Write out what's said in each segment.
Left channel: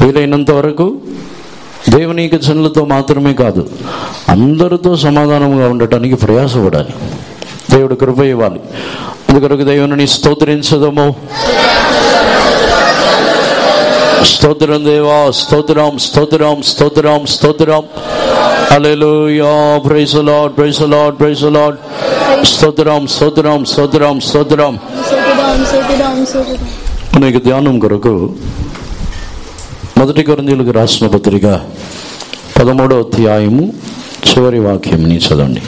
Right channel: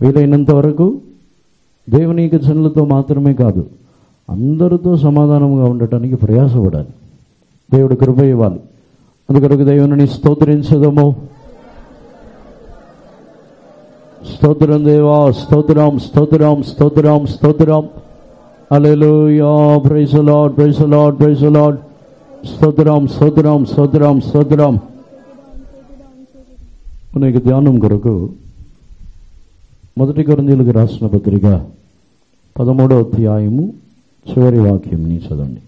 వీలైనంత వరకు దేవుని యొక్క జనులతో మాత్రమే కాదు, అందరితో సమాధానంగా ఉండటానికి ప్రయాసపడాలి. దేవుడు కృప ఇవ్వాలి. అందుకొరకు దేవుని స్తోత్రించదము. స్తోత్రం దేవా, స్తోత్రం స్తోత్రం స్తోత్రం స్తోత్రం. Hallelujah, praise the Lord, praise the Lord, praise the Lord. స్తోత్రం స్తోత్రం స్తోత్రం స్తోత్రం. అనేక ధ్యానం కొరకు 1 కొరింథీయులకు రాసిన పత్రిక 13వ అధ్యాయము చివరి వాక్యంని చదవండి.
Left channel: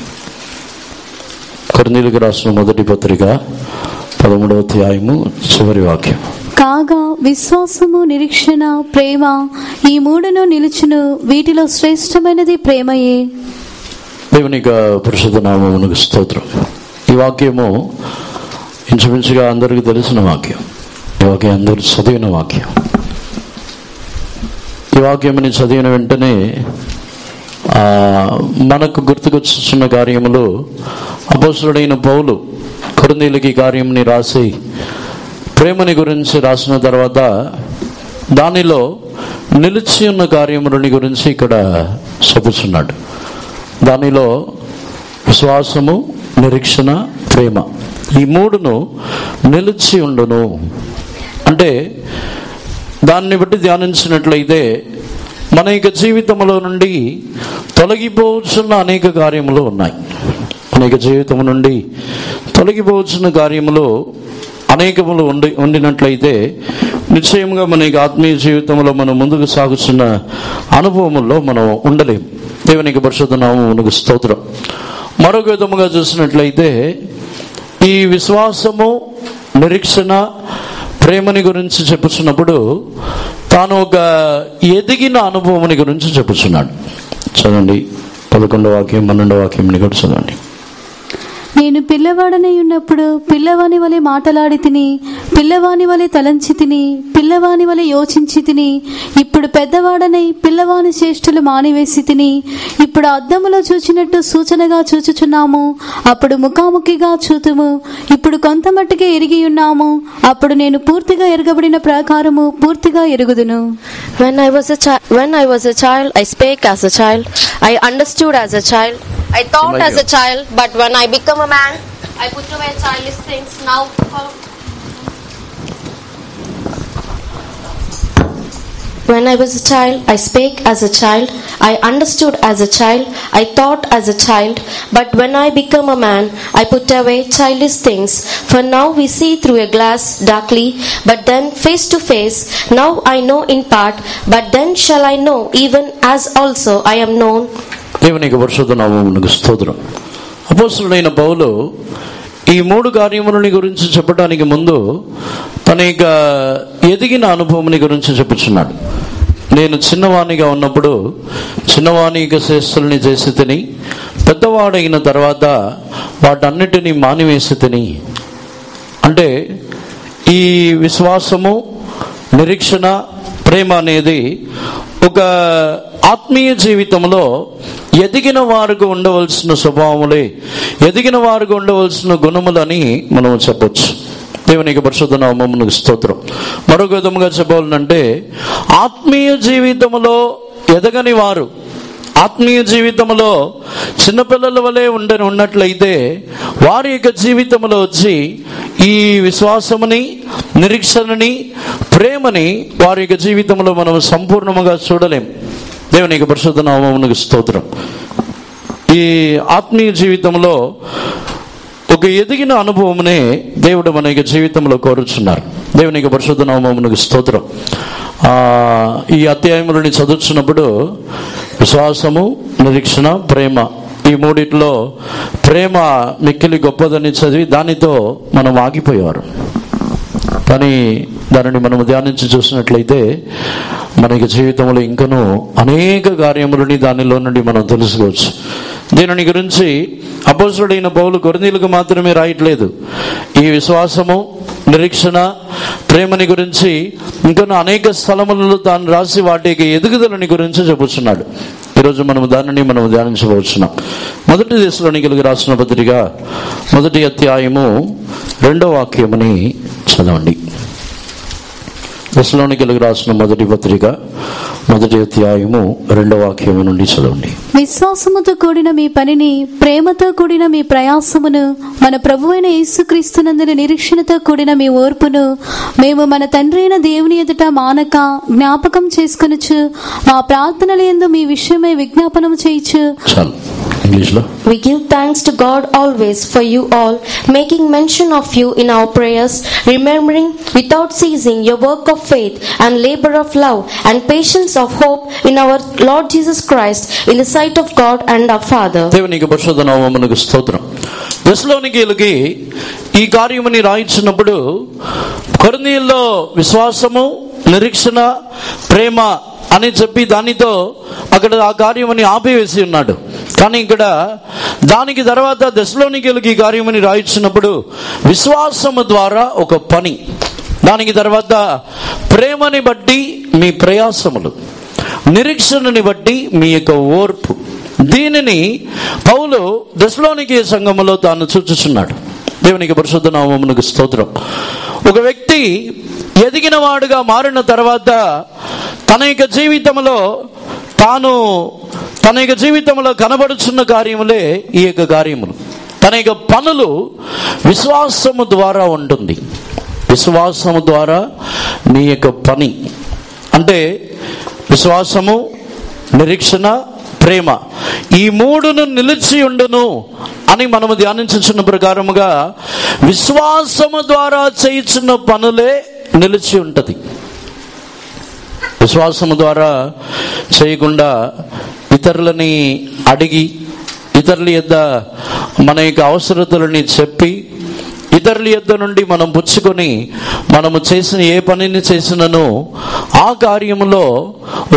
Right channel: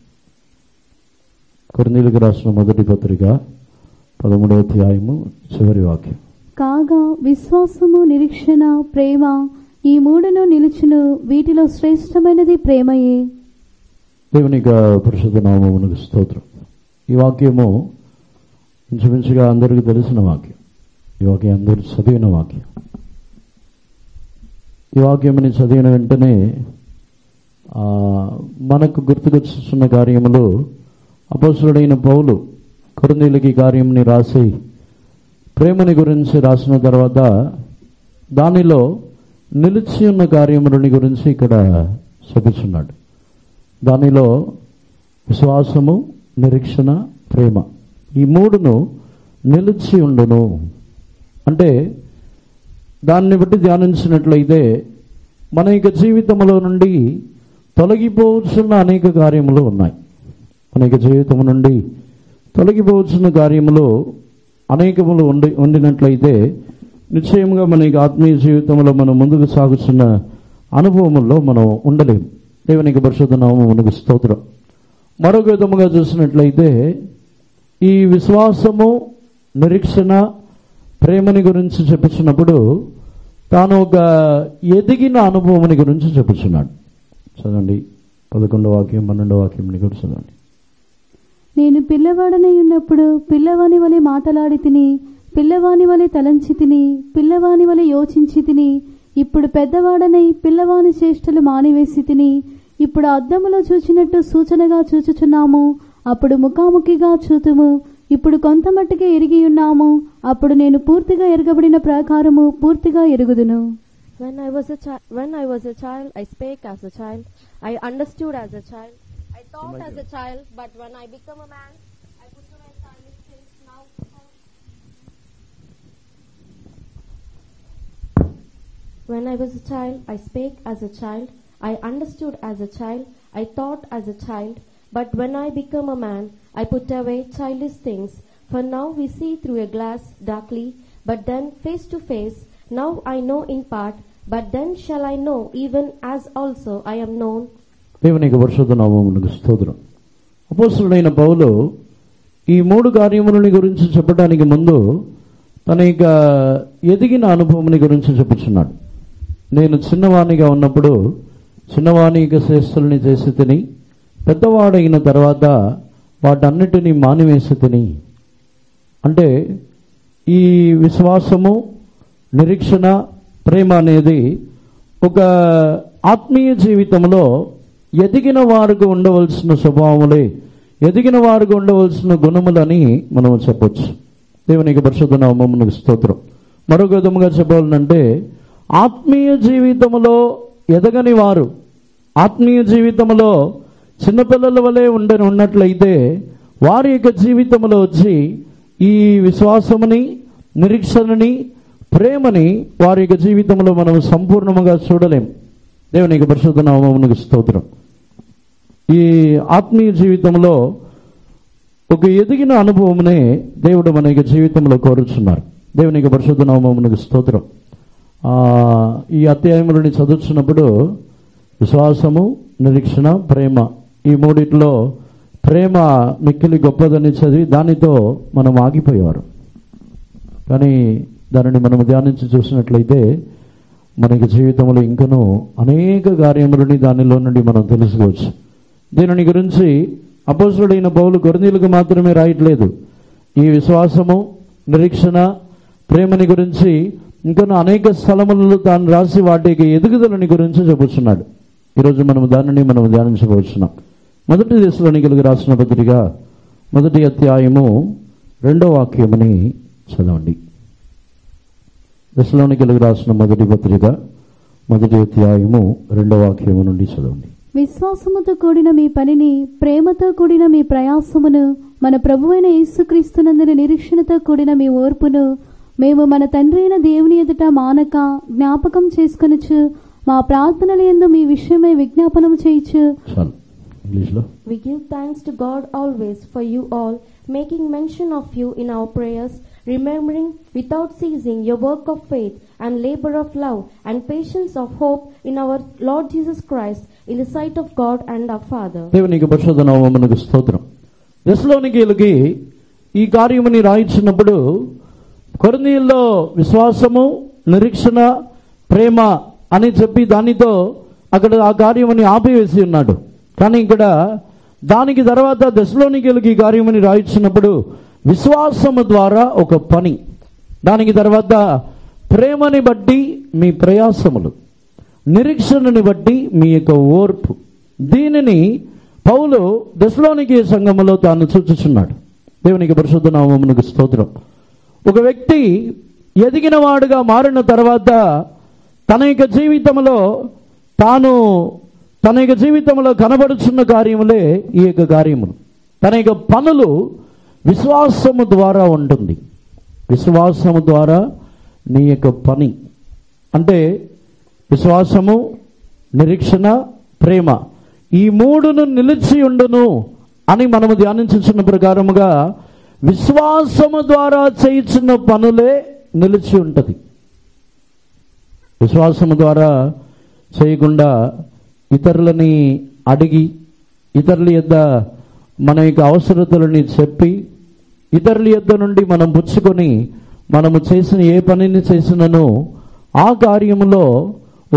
కొరింథీయులకు రాసిన మొదటి పత్రిక 13వ అధ్యాయము చివరి వాక్యం. కాగా విశ్వాసము, నిరీక్షణ, ప్రేమ ఈ మూడును నిలుచును, వీటిలో శ్రేష్టమైనది ప్రేమయే. దేవుని యొక్క పరిశుద్ధ నామమునకు స్తోత్రం. ఈ వాక్యము ఇంచుమించుగా అందరికీ తెలిసిన వాక్యం. ఈ వాక్యం అందరూ చదివిన వాక్యం. ఈ వాక్యముని చదివిన వెంటనే మనకు గుర్తుకొచ్చున్న కార్యములు, అపోస్తలుడైన పౌలు కొరింథీయులకి కార్యముని రాసి ప్రేమని గురించి రాసిన తర్వాత దానిలో నిలిచి ఉన్న కార్యములని గురించి ఇక్కడ చెప్పుచున్నాడు. దానిలో విశ్వాసము, నిరీక్షణ, ప్రేమ ఈ మూడును నిలిచి ఉండును అంటే, దాన్ని బట్టి ధ్యానించినట్లయితే మన యొక్క జీవితంలో నుండి తొలగిపోవచ్చున్న అనేక కార్యములు ఉన్నాయి. అనేక జీవితం నుండి తొలగిపోవచ్చున్న కార్యములు అనేకములు ఉండినట్లయితే నిశ్చయంగా మన యొక్క ఆత్మీయ జీవితంలో మనం ముందుకు సాగుతున్న అనుభవముల్లో మనం ఉండలేం. దేవునికి పరిశుద్ధ నామమునకు స్తోత్రం. మరొక విధముగా చూసినట్లయితే ఈ విశ్వాసము, నిరీక్షణ, ప్రేమని గురించి చెప్పుచున్నప్పుడు తాను ఒక ఎదిగిన అనుభవముని గురించి చెప్పుచున్నాడు. చదవండి 11వ వాక్యం 12వ వాక్యం కూడా చదవండి. నేను పిల్లవాడనై ఉన్నప్పుడు పిల్లవాని వలె మాటలాడి తిని, పిల్లవాని వలె తలంచి తిని, పిల్లవాని వలె యోచించి తిని, ఇప్పుడు పెద్దవాడనై పిల్లవాని చేష్టలు మానివేసి తిని, ఇప్పుడు అద్దములో చూచినట్టు సూచనగా చూచుచున్నాము, అప్పుడు ముఖాముఖిగా చూతుము, ఇప్పుడు కొంత మట్టుకే ఎరిగి ఉన్నాము, అప్పుడు నేను పూర్తిగా ఎరగబడిన ప్రకారము పూర్తిగా ఎరుగుదును. When I was a child, I spake as a child, I understood as a child, I thought as a child, but when I become a man, I put away childish things. When I was a child, I spake as a child, I understood as a child, I thought as a child, but when I become a man, I put away childish things. For now we see through a glass darkly, but then face to face. Now I know in part, but then shall I know even as also I am known. దేవునికి పరిశుద్ధ నామమునకు స్తోత్రం. అపోస్తలుడైన పౌలు ఈ మూడు కార్యములని గురించి చెప్పడానికి ముందు తన యొక్క ఎదిగిన అనుభవముని గురించి చెప్పుచున్నాడు. నేను చిన్నవాణిగా ఉన్నప్పుడు చిన్నవాణి యొక్క చేష్టల్ని చేసి తిని, పెద్దవాడైన తర్వాత వాటన్నిటినీ మానివేసి తిని. అంటే ఈ విశ్వాసము, నిరీక్షణ, ప్రేమ అనేది ఒక ఆత్మీయ జీవితంలో ఎదిగిన వారికి ఉండవలసిన స్వభావములే, ఎదిగిన వారికి ఉండవలసిన గుణములని మనం చెప్పొచ్చు. దేవునికి పరిశుద్ధ నామమునకు స్తోత్రం. మరొక విధముగా చెప్పాలంటే ఆత్మీయ జీవితంలో ఎదగని వారు, ఆత్మీయ జీవితంలో చిన్నపిల్లల వలె ఉన్నట్లయితే వారి యొక్క జీవితంలో వచ్చి ఈ విశ్వాసముని, నిరీక్షణని, ప్రేమని వారి యొక్క జీవితంలో మనం సంపూర్ణముగా చూడలేం. దేవునికి పరిశుద్ధ నామమునకు స్తోత్రం. ఈ ఆత్మీయ జీవితంలో ఒక ఎదిగిన అనుభవమునే దేవుడు మన యొక్క జీవితంలో కోరుచున్నారు. దేవునికి పరిశుద్ధ నామమునకు స్తోత్రం. ఈ అధ్యాయములని చదువుతున్నప్పుడు విశ్వాసము, నిరీక్షణ, ప్రేమ ఈ మూడిట్లో ప్రేమ మిక్కిలి గొప్పదని చదివి దానితో మనం ఆగిపోయేవారు. కానీ దానిని మనం ధ్యానించి చూసినట్లయితే మనకి జీవితంలో ఇంకనూ అనేక కార్యములని దానిలో నుండి మనం తెలుసుకోవచ్చు. దీనిని గురించి అపోస్తలుడైన పౌలు కొరింథీయులకు మాత్రమే రాయట్లేదు. ఈ విశ్వాసము, నిరీక్షణ, ప్రేమని గురించి ఇంకా అనేక స్థలములలో తాను రాసి వాటికి ఎదుగుదలని గురించి చెబుతున్నాడు. ఈరోజు మనం దానిని ధ్యానించబోతున్నాం. 1 దశలోనికీయులకు రాసిన పత్రిక 1వ అధ్యాయము 2వ వాక్యముని చదవండి. తెస్సలోనికీయులకు రాసిన మొదటి పత్రిక 1వ అధ్యాయము 2వ వాక్యం నుండి చదవండి. విశ్వాసముతో కూడిన మీ పనిని, ప్రేమతో కూడిన మీ ప్రయాసమును, మన ప్రభువైన యేసుక్రీస్తునందున నిరీక్షణతో కూడిన మీ ఓర్పును మేము మన తండ్రి అయిన దేవుని ఎదుట మానక జ్ఞాపకం చేసుకొనుచు మా ప్రార్థనల యందు మీ విషయమై విజ్ఞాపనము చేయుచు. చాలు, ఇంగ్లీష్లో. We give thanks to God always for you all, making mention of you in our prayers, remembering without ceasing your work of faith and labor of love and patience of hope in our Lord Jesus Christ in the sight of God and our Father. దేవునికి పరిశుద్ధ నామమునకు స్తోత్రం. తెస్సలోనికీయులకి ఈ కార్యముని రాయించినప్పుడు కొరింథీయుల్లో విశ్వాసము, నిరీక్షణ, ప్రేమ అని చెప్పి దానితో అక్కడ ఆ కార్యముని ఆపివేసి ఉన్నాడు. కానీ ఇక్కడ దానికి తర్వాత తెస్సలోనికీయులకి ఈ కార్యముని రాయించినప్పుడు విశ్వాసము ద్వారా ఒక పని, దానికి తర్వాత ప్రేమని బట్టి మీ ప్రయాసములు, నిరీక్షణని బట్టి మీ యొక్క ఓర్పు, దీనిని పౌలు తెస్సలోనికీయ సంఘములో తాను సూచిస్తున్నాడు. దేవునికి పరిశుద్ధ నామమునకు స్తోత్రం. ఒక వ్యక్తి ఎదిగిన వాడుగా మారిన తర్వాత తన యొక్క జీవితంలో కనబడుచున్న కార్యములే ఈ యొక్క కార్యములు. తన యొక్క పనులు విశ్వాసము ద్వారా ఉంటుంది. విశ్వాసము ద్వారా నీ యొక్క పని అంటే విశ్వాసము, నిరీక్షణ, ప్రేమ, ఈ మూడును నిలిచి ఉండును అని మనము ధ్యానించుచున్న ప్రకారముగా విశ్వాసము ద్వారా చేయుచున్న పనులే నిలిచి ఉంటుంది. విశ్వాసము ద్వారా చేయకుండా ఇతరులని అడిగి, ఇతరుల యొద్ద మన యొక్క అవసరతలని చెప్పి, ఇతరుల యొద్ద నుండి మనం పుచ్చుకొని మనము చేసిన ఏ పనిని చేసినను ఆ కార్యములో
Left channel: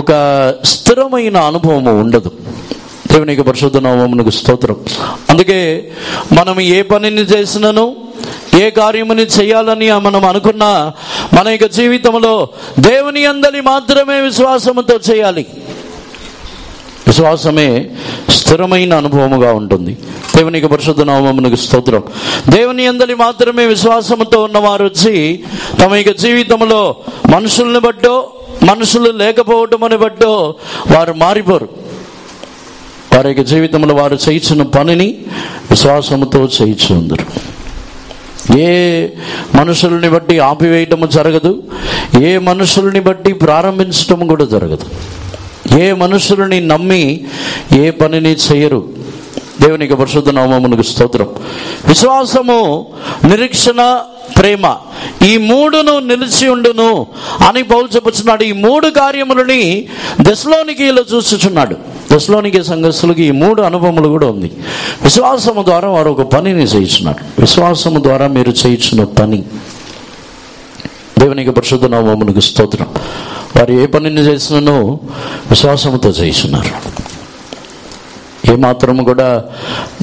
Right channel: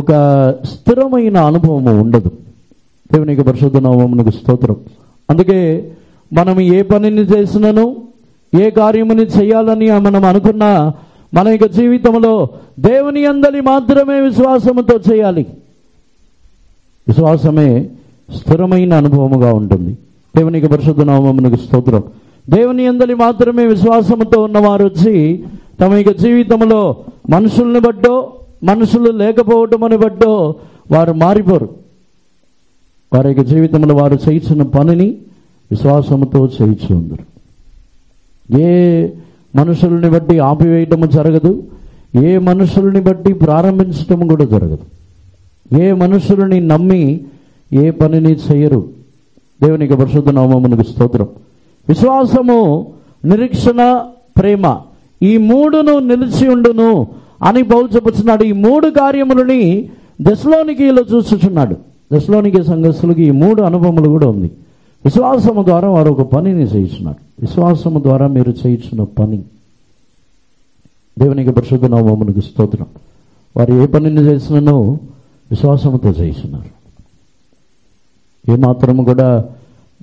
ఒక స్థిరమైన అనుభవము ఉండదు. దేవునికి పరిశుద్ధ నామమునకు స్తోత్రం. అందుకే మనం ఏ పనిని చేసినను, ఏ కార్యముని చేయాలని మనం అనుకున్నా మన యొక్క జీవితంలో దేవుని యందలి మాత్రమే విశ్వాసముతో చేయాలి. విశ్వాసమే స్థిరమైన అనుభవముగా ఉంటుంది. దేవునికి పరిశుద్ధ నామమునకు స్తోత్రం. దేవుని యందలి మాత్రమే విశ్వాసముతో ఉన్నవారు వచ్చి తమ యొక్క జీవితంలో మనుషుల్ని బట్టో, మనుషులు లేకపోవటమని బట్టో వారు మారిపోరు. వారి యొక్క జీవితంలో వారు చేయించిన పనిని విశ్వాసముతో చేయించుందరు. ఏ మనుషుల్ని బట్టి ఆపివేయటము జరగదు, ఏ మనుషుల్ని బట్టి ప్రారంభించటం కూడా జరగదు. ఏ మనుషులని నమ్మి ఏ పనిని చేయరు. దేవునికి పరిశుద్ధ నామమునకు స్తోత్రం. విశ్వాసము, నిరీక్షణ, ప్రేమ, ఈ మూడును నిలిచి ఉండును అని పౌలు చెప్పుచున్నాడు. ఈ మూడు కార్యములని తెస్సలోనికీయులో చూస్తున్నాడు. తెస్సలోనికీయ సంఘస్థులకు ఈ మూడు అనుభవములు కూడా ఉంది. విశ్వాసము ద్వారా వారు ఒక పనిని చేయించున్నారు. విశ్వాసము ద్వారా మీరు చేయించిన పని. దేవునికి పరిశుద్ధ నామమునకు స్తోత్రం. వారు ఏ పనిని చేసినను విశ్వాసముతో చేస్తున్నారు. ఏమాత్రము కూడా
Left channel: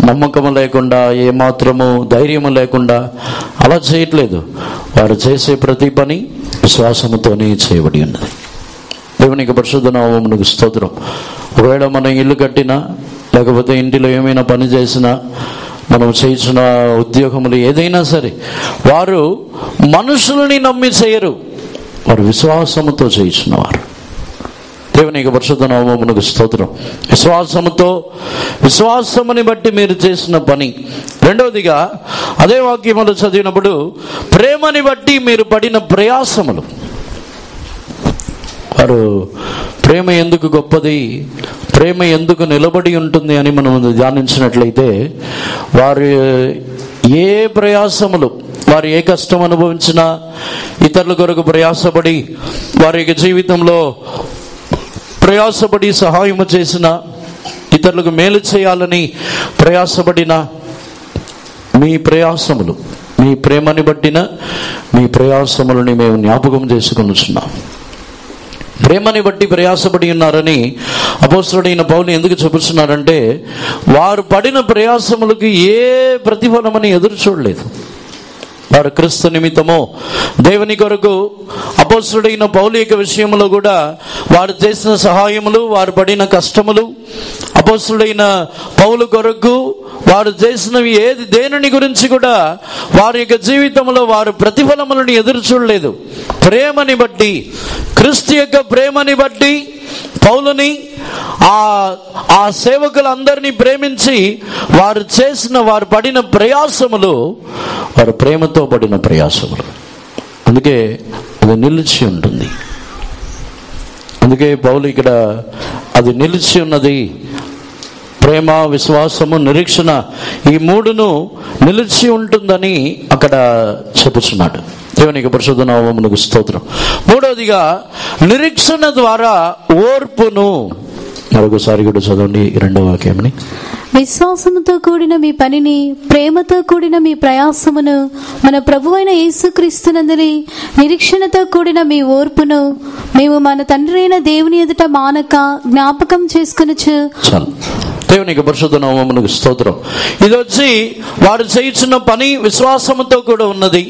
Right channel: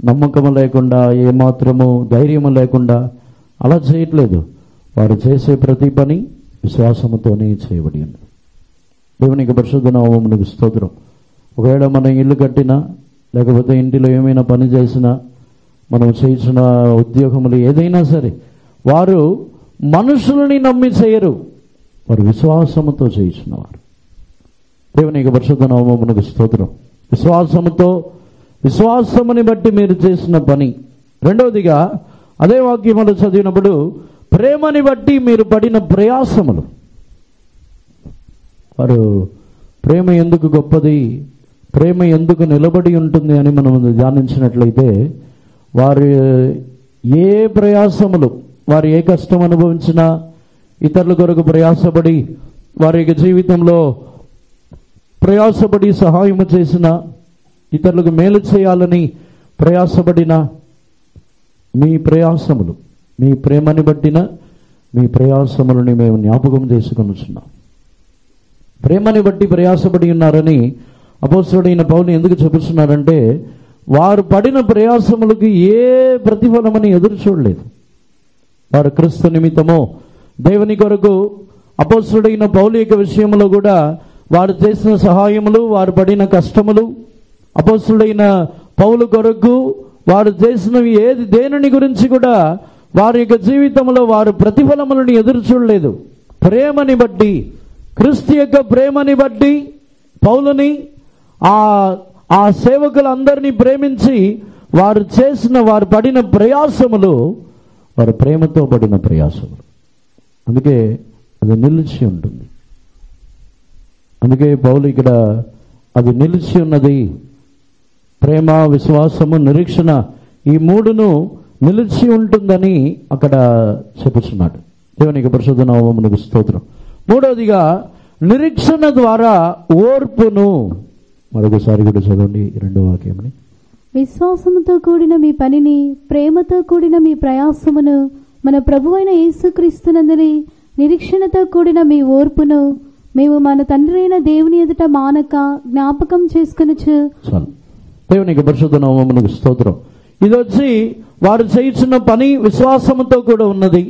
నమ్మకము లేకుండా, ఏమాత్రము ధైర్యము లేకుండా అలా చేయట్లేదు. వారు చేసే ప్రతి పని విశ్వాసముతోనే చేయబడి ఉన్నది. దేవునికి పరిశుద్ధ నామమునకు స్తోత్రం. ఒకవేళ మనం ఇల్లు కట్టినా, లేకపోతే ఇంటిలో ఏమైనా పని చేసినా, మనం చేసిన ఉద్యోగములు ఏదైనా సరే, వారు మనుషులని నమ్మి చేయరు, వారు విశ్వాసముతో చేయించినవారు. దేవునికి పరిశుద్ధ నామమునకు స్తోత్రం. విశ్వాసముని బట్టి మీరు చేసిన పని. రెండవదిగా అదే వాక్యములు చదివినప్పుడు ప్రేమని బట్టి మీరు పడిన ప్రయాసములు. వారు ప్రేమ ఎందుకు గొప్పది, ప్రేమ ఎందుకు నిలబడి ఉంటుంది అని మనం ధ్యానించినట్లయితే, వారు ఏ ప్రయాసములు, వారు ఏ కష్టం అనుభవించినా, ఇతరుల కొరకు ప్రయాసపడి, వారి యొక్క జీవితంలో ప్రయాసపడి సహాయము చేసిన, ఇతరులకు మేలు చేయాలని ప్రయాసపడిన మీ ప్రయాసములు, మీ ప్రేమని బట్టిన మీ ప్రయాసములని మేము జ్ఞాపకం చేసుకొనుచున్నాం. ప్రేమని బట్టి ప్రయాసపడి ఉన్నారని అపోస్తలుడైన పౌలు ఎందుకు చెబుతున్నారంటే, వారు పడిన ప్రయాసములకు ఏ ప్రతిఫలమని ఎదురు చూడలేదు. వారు క్రీస్తు నిమిత్తము దేవుని కొరకు అపోస్తలుడైన పౌలు యొక్క విషయంలో కూడా వారు చేసిన సహాయములు, వారు పడిన కష్టములు, అపోస్తలుడైన పౌలు కొరకు వారు చేసినవి దేనిని గురించి కూడా వారి యొక్క జీవితంలో వారు ప్రతిఫలములను ఎదురు చూడలేదు. ప్రేమని బట్టి, క్రీస్తు యొక్క ప్రేమని బట్టి పౌలుని ఆ సేవకులందరినీ ప్రేమించి వారు పడిన ప్రయాసములు, వారు ప్రేమతో పడిన ప్రయాసములు. అందుకే అది నిలిచి ఉంటుంది. అందుకే పౌలు ఇక్కడ అది నిలిచి ఉన్నది. ప్రేమ, విశ్వాసము, నిరీక్షణ, ఈ మూడును నిలిచి ఉంటుందని అక్కడ చెప్పుచున్నాడు. దేవునికి పరిశుద్ధ నామమునకు స్తోత్రం. మూడవదిగా నిరీక్షణ ద్వారా ఓర్పును. మరొకసారి కూడా చదవండి 2వ వాక్యంని. విశ్వాసముతో కూడిన మీ పనిని, ప్రేమతో కూడిన మీ ప్రయాసమును, మన ప్రభువైన యేసుక్రీస్తునందలి నిరీక్షణతో కూడిన మీ ఓర్పును మేము మన తండ్రి అయిన దేవుని ఎదుట మానక జ్ఞాపకం చేసుకొనుచు. చాలు. దేవునికి పరిశుద్ధ నామమునకు స్తోత్రం. ఇది వచ్చి వారు చేయించిన పని విశ్వాసముతో కూడా ఉన్నది.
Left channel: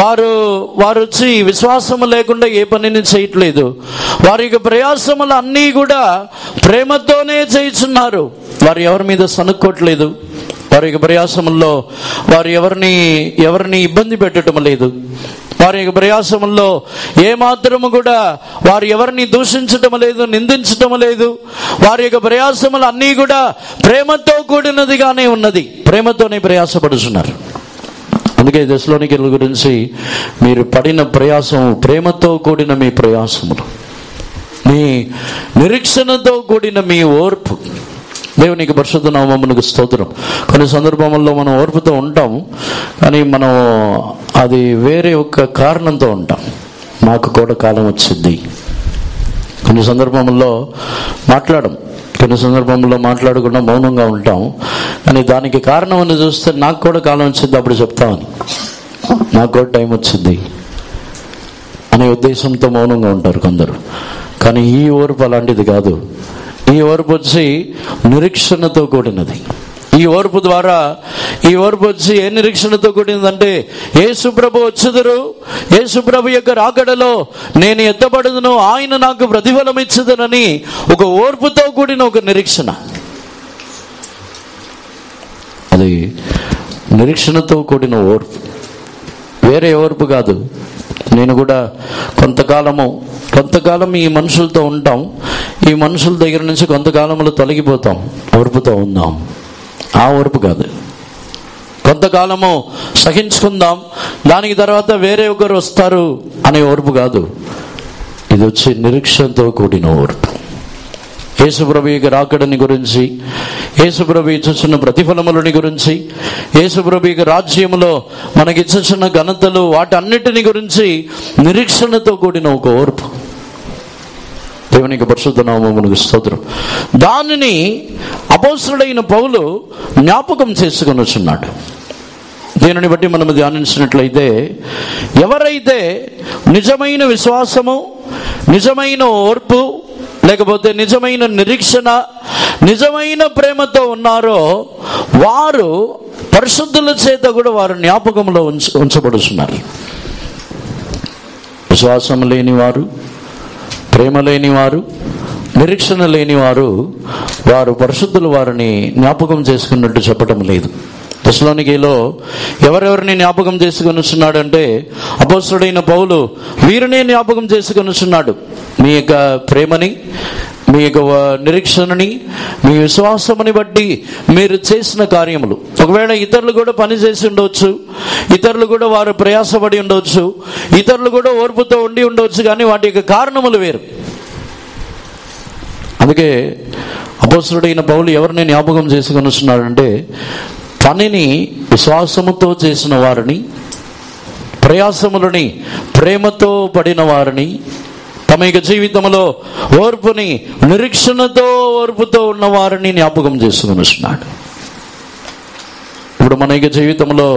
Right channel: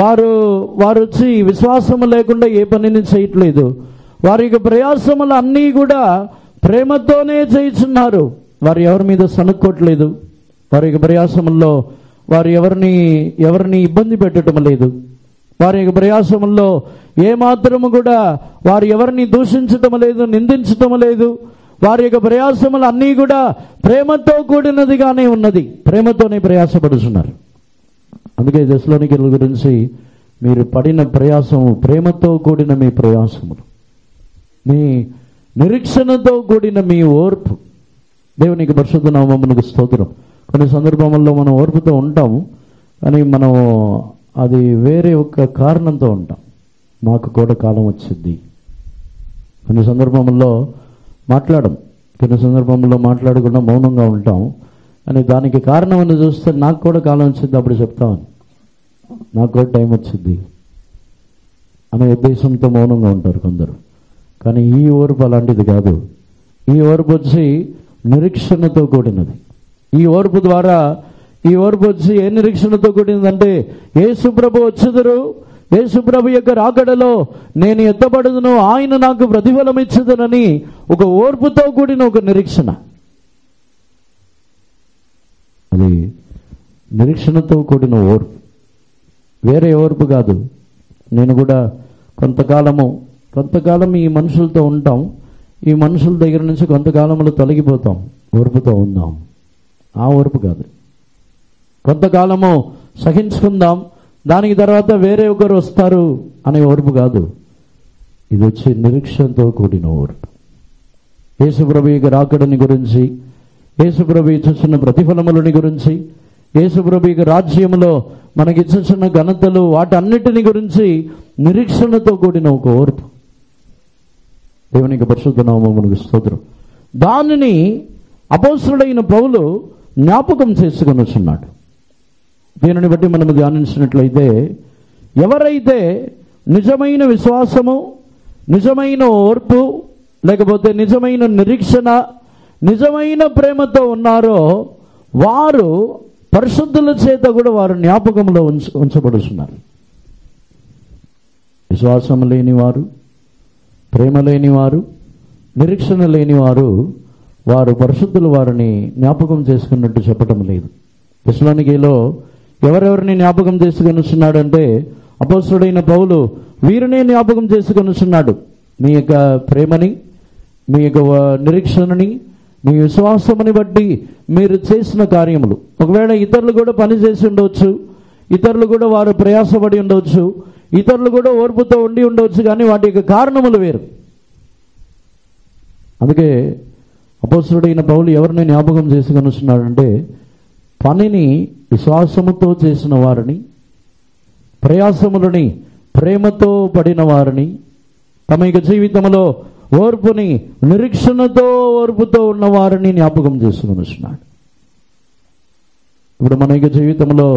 వారు వచ్చి విశ్వాసము లేకుండా ఏ పనిని చేయట్లేదు. వారి యొక్క ప్రయాసములు అన్నీ కూడా ప్రేమతోనే చేయించున్నారు. వారు ఎవరి మీద సనుక్కోవట్లేదు. వారి యొక్క ప్రయాసముల్లో వారు ఎవరిని ఇబ్బంది పెట్టడం లేదు. వారి యొక్క ప్రయాసముల్లో ఏమాత్రము కూడా వారు ఎవరిని దూషించటం లేదు, నిందించటం లేదు. వారి యొక్క ప్రయాసములు అన్నీ కూడా ప్రేమతో కూడినదిగానే ఉన్నది. ప్రేమతోనే ప్రయాసపడుతున్నారు. అందుకే దశలోనికీయుల గురించి మీరు పడిన ప్రయాసం ప్రేమతో కూడిన మీ ప్రయాసములు, మీ నిరీక్షణతో కూడిన మీ ఓర్పు. దేవునికి పరిశుద్ధ నామమునకు స్తోత్రం. కొన్ని సందర్భముల్లో మనం ఓర్పుతో ఉంటాం, కానీ మనం అది వేరే ఒక కారణంతో ఉంటాం. మాకు కూడా కాలం వచ్చింది. కొన్ని సందర్భముల్లో కొన్ని సందర్భంలో మాట్లాడకుండా మౌనంగా ఉంటాం. కానీ దానికి కారణం అని చూస్తే నాకు కూడా కాలం వచ్చింది, అప్పుడు చెప్తామని, నాకు కూడా టైం వచ్చింది అనే ఉద్దేశంతో మౌనంగా ఉంటారు కొందరు. కానీ ఈ ఓర్పు అలాంటిది కాదు. ఈ ఓర్పు వచ్చి నిరీక్షణతో కూడినది. ఈ ఓర్పు వచ్చి ఏ నిరీక్షణతో కూడినదంటే, యేసుప్రభు వచ్చుదురు, యేసుప్రభు యొక్క రాకడలో నేను ఎత్తబడుదును, ఆయన నాకు ప్రతిఫలం ఇచ్చుదునని ఒక ఓర్పుతో కూడిన ఒక నిరీక్షణ. అది నిరీక్షణతో కూడిన ఓర్పు, వేరే ఓర్పు కాదు. నేను కూడా కొంతకాలం ఈ మనుషులతో ఉంటాం. ఈ మనుషుల దగ్గర నుంచి కొంతకాలంలో తొలగిపోతాం. ఓర్పుతో ఉందాం. ఆ ఓర్పు కాదు. కొంతకాలము సహించుకుందాం, దానికి తర్వాత వేరే ఒకరు వస్తారు అనే ఓర్పు కాదు. ఇది వచ్చి నిరీక్షణతో కూడిన ఓర్పు. యేసుప్రభు యొక్క రాకడని గురించి, యేసుప్రభు ఇచ్చుచున్న ప్రతిఫలములని గురించి, యేసుప్రభు యొక్క రాజ్యములో మనకిచ్చుచున్న ఘనతలు, వాటన్నిటిని గురించి నిరీక్షణతో కూడిన ఒక ఓర్పు. దేవునికి పరిశుద్ధ నామమునకు స్తోత్రం. దానిని అపోస్తలుడైన పౌలు జ్ఞాపకం చేసుకొని వచ్చున్నాడు. దీనిని బట్టి మనం ధ్యానించినట్లయితే, ఎవరైతే నిజమైన విశ్వాసము, నిజమైన ఓర్పు, లేకపోతే నిజమైన నిరీక్షణ, నిజమైన ప్రేమతో ఉన్నారో వారు పరిశుద్ధుల చేత కూడా వారు జ్ఞాపకంలో ఉంచబడుతున్నారు. విశ్వాసం లేనివారు, ప్రేమ లేనివారు, నిరీక్షణ లేనివారు, వారు పరిశుద్ధులు వారిని జ్ఞాపకం చేసుకున్నట్టు చెప్పటం లేదు. దశలోనికీలో ఎవరెవరిని జ్ఞాపకం చేసుకొని వస్తున్నాడు అంటే, అపోస్తలుడైన పౌలు వీరినే జ్ఞాపకం చేసుకొని వస్తున్నాడు. మీ యొక్క ప్రేమని, మీ యొక్క నిరీక్షణని, మీ విశ్వాసముని బట్టి మీరు చేసిన కార్యములు. ఒకవేళ ఇతరులు కూడా పని చేసి ఉండవచ్చు, ఇతరులు కూడా వారు ప్రయాసపడి ఉండవచ్చు, ఇతరులు కూడా ఓర్పుతో ఉండి ఉండవచ్చు, కానీ వాటి యొక్క కారణములు వేరు. అందుకే అపోస్తలుడైన పౌలు ఎవరిని జ్ఞాపకం చేసుకొని వస్తున్నాడంటే, పనిని విశ్వాసముతో చేసిన వారిని, ప్రయాసములని ప్రేమతో పడిన వారిని, తమ యొక్క జీవితంలో ఓర్పుని, నిరీక్షణతో ఓర్పుతో ఉన్న వారిని జ్ఞాపకం చేసుకుని వస్తున్నాడు. ఇప్పుడు మన యొక్క జీవితంలో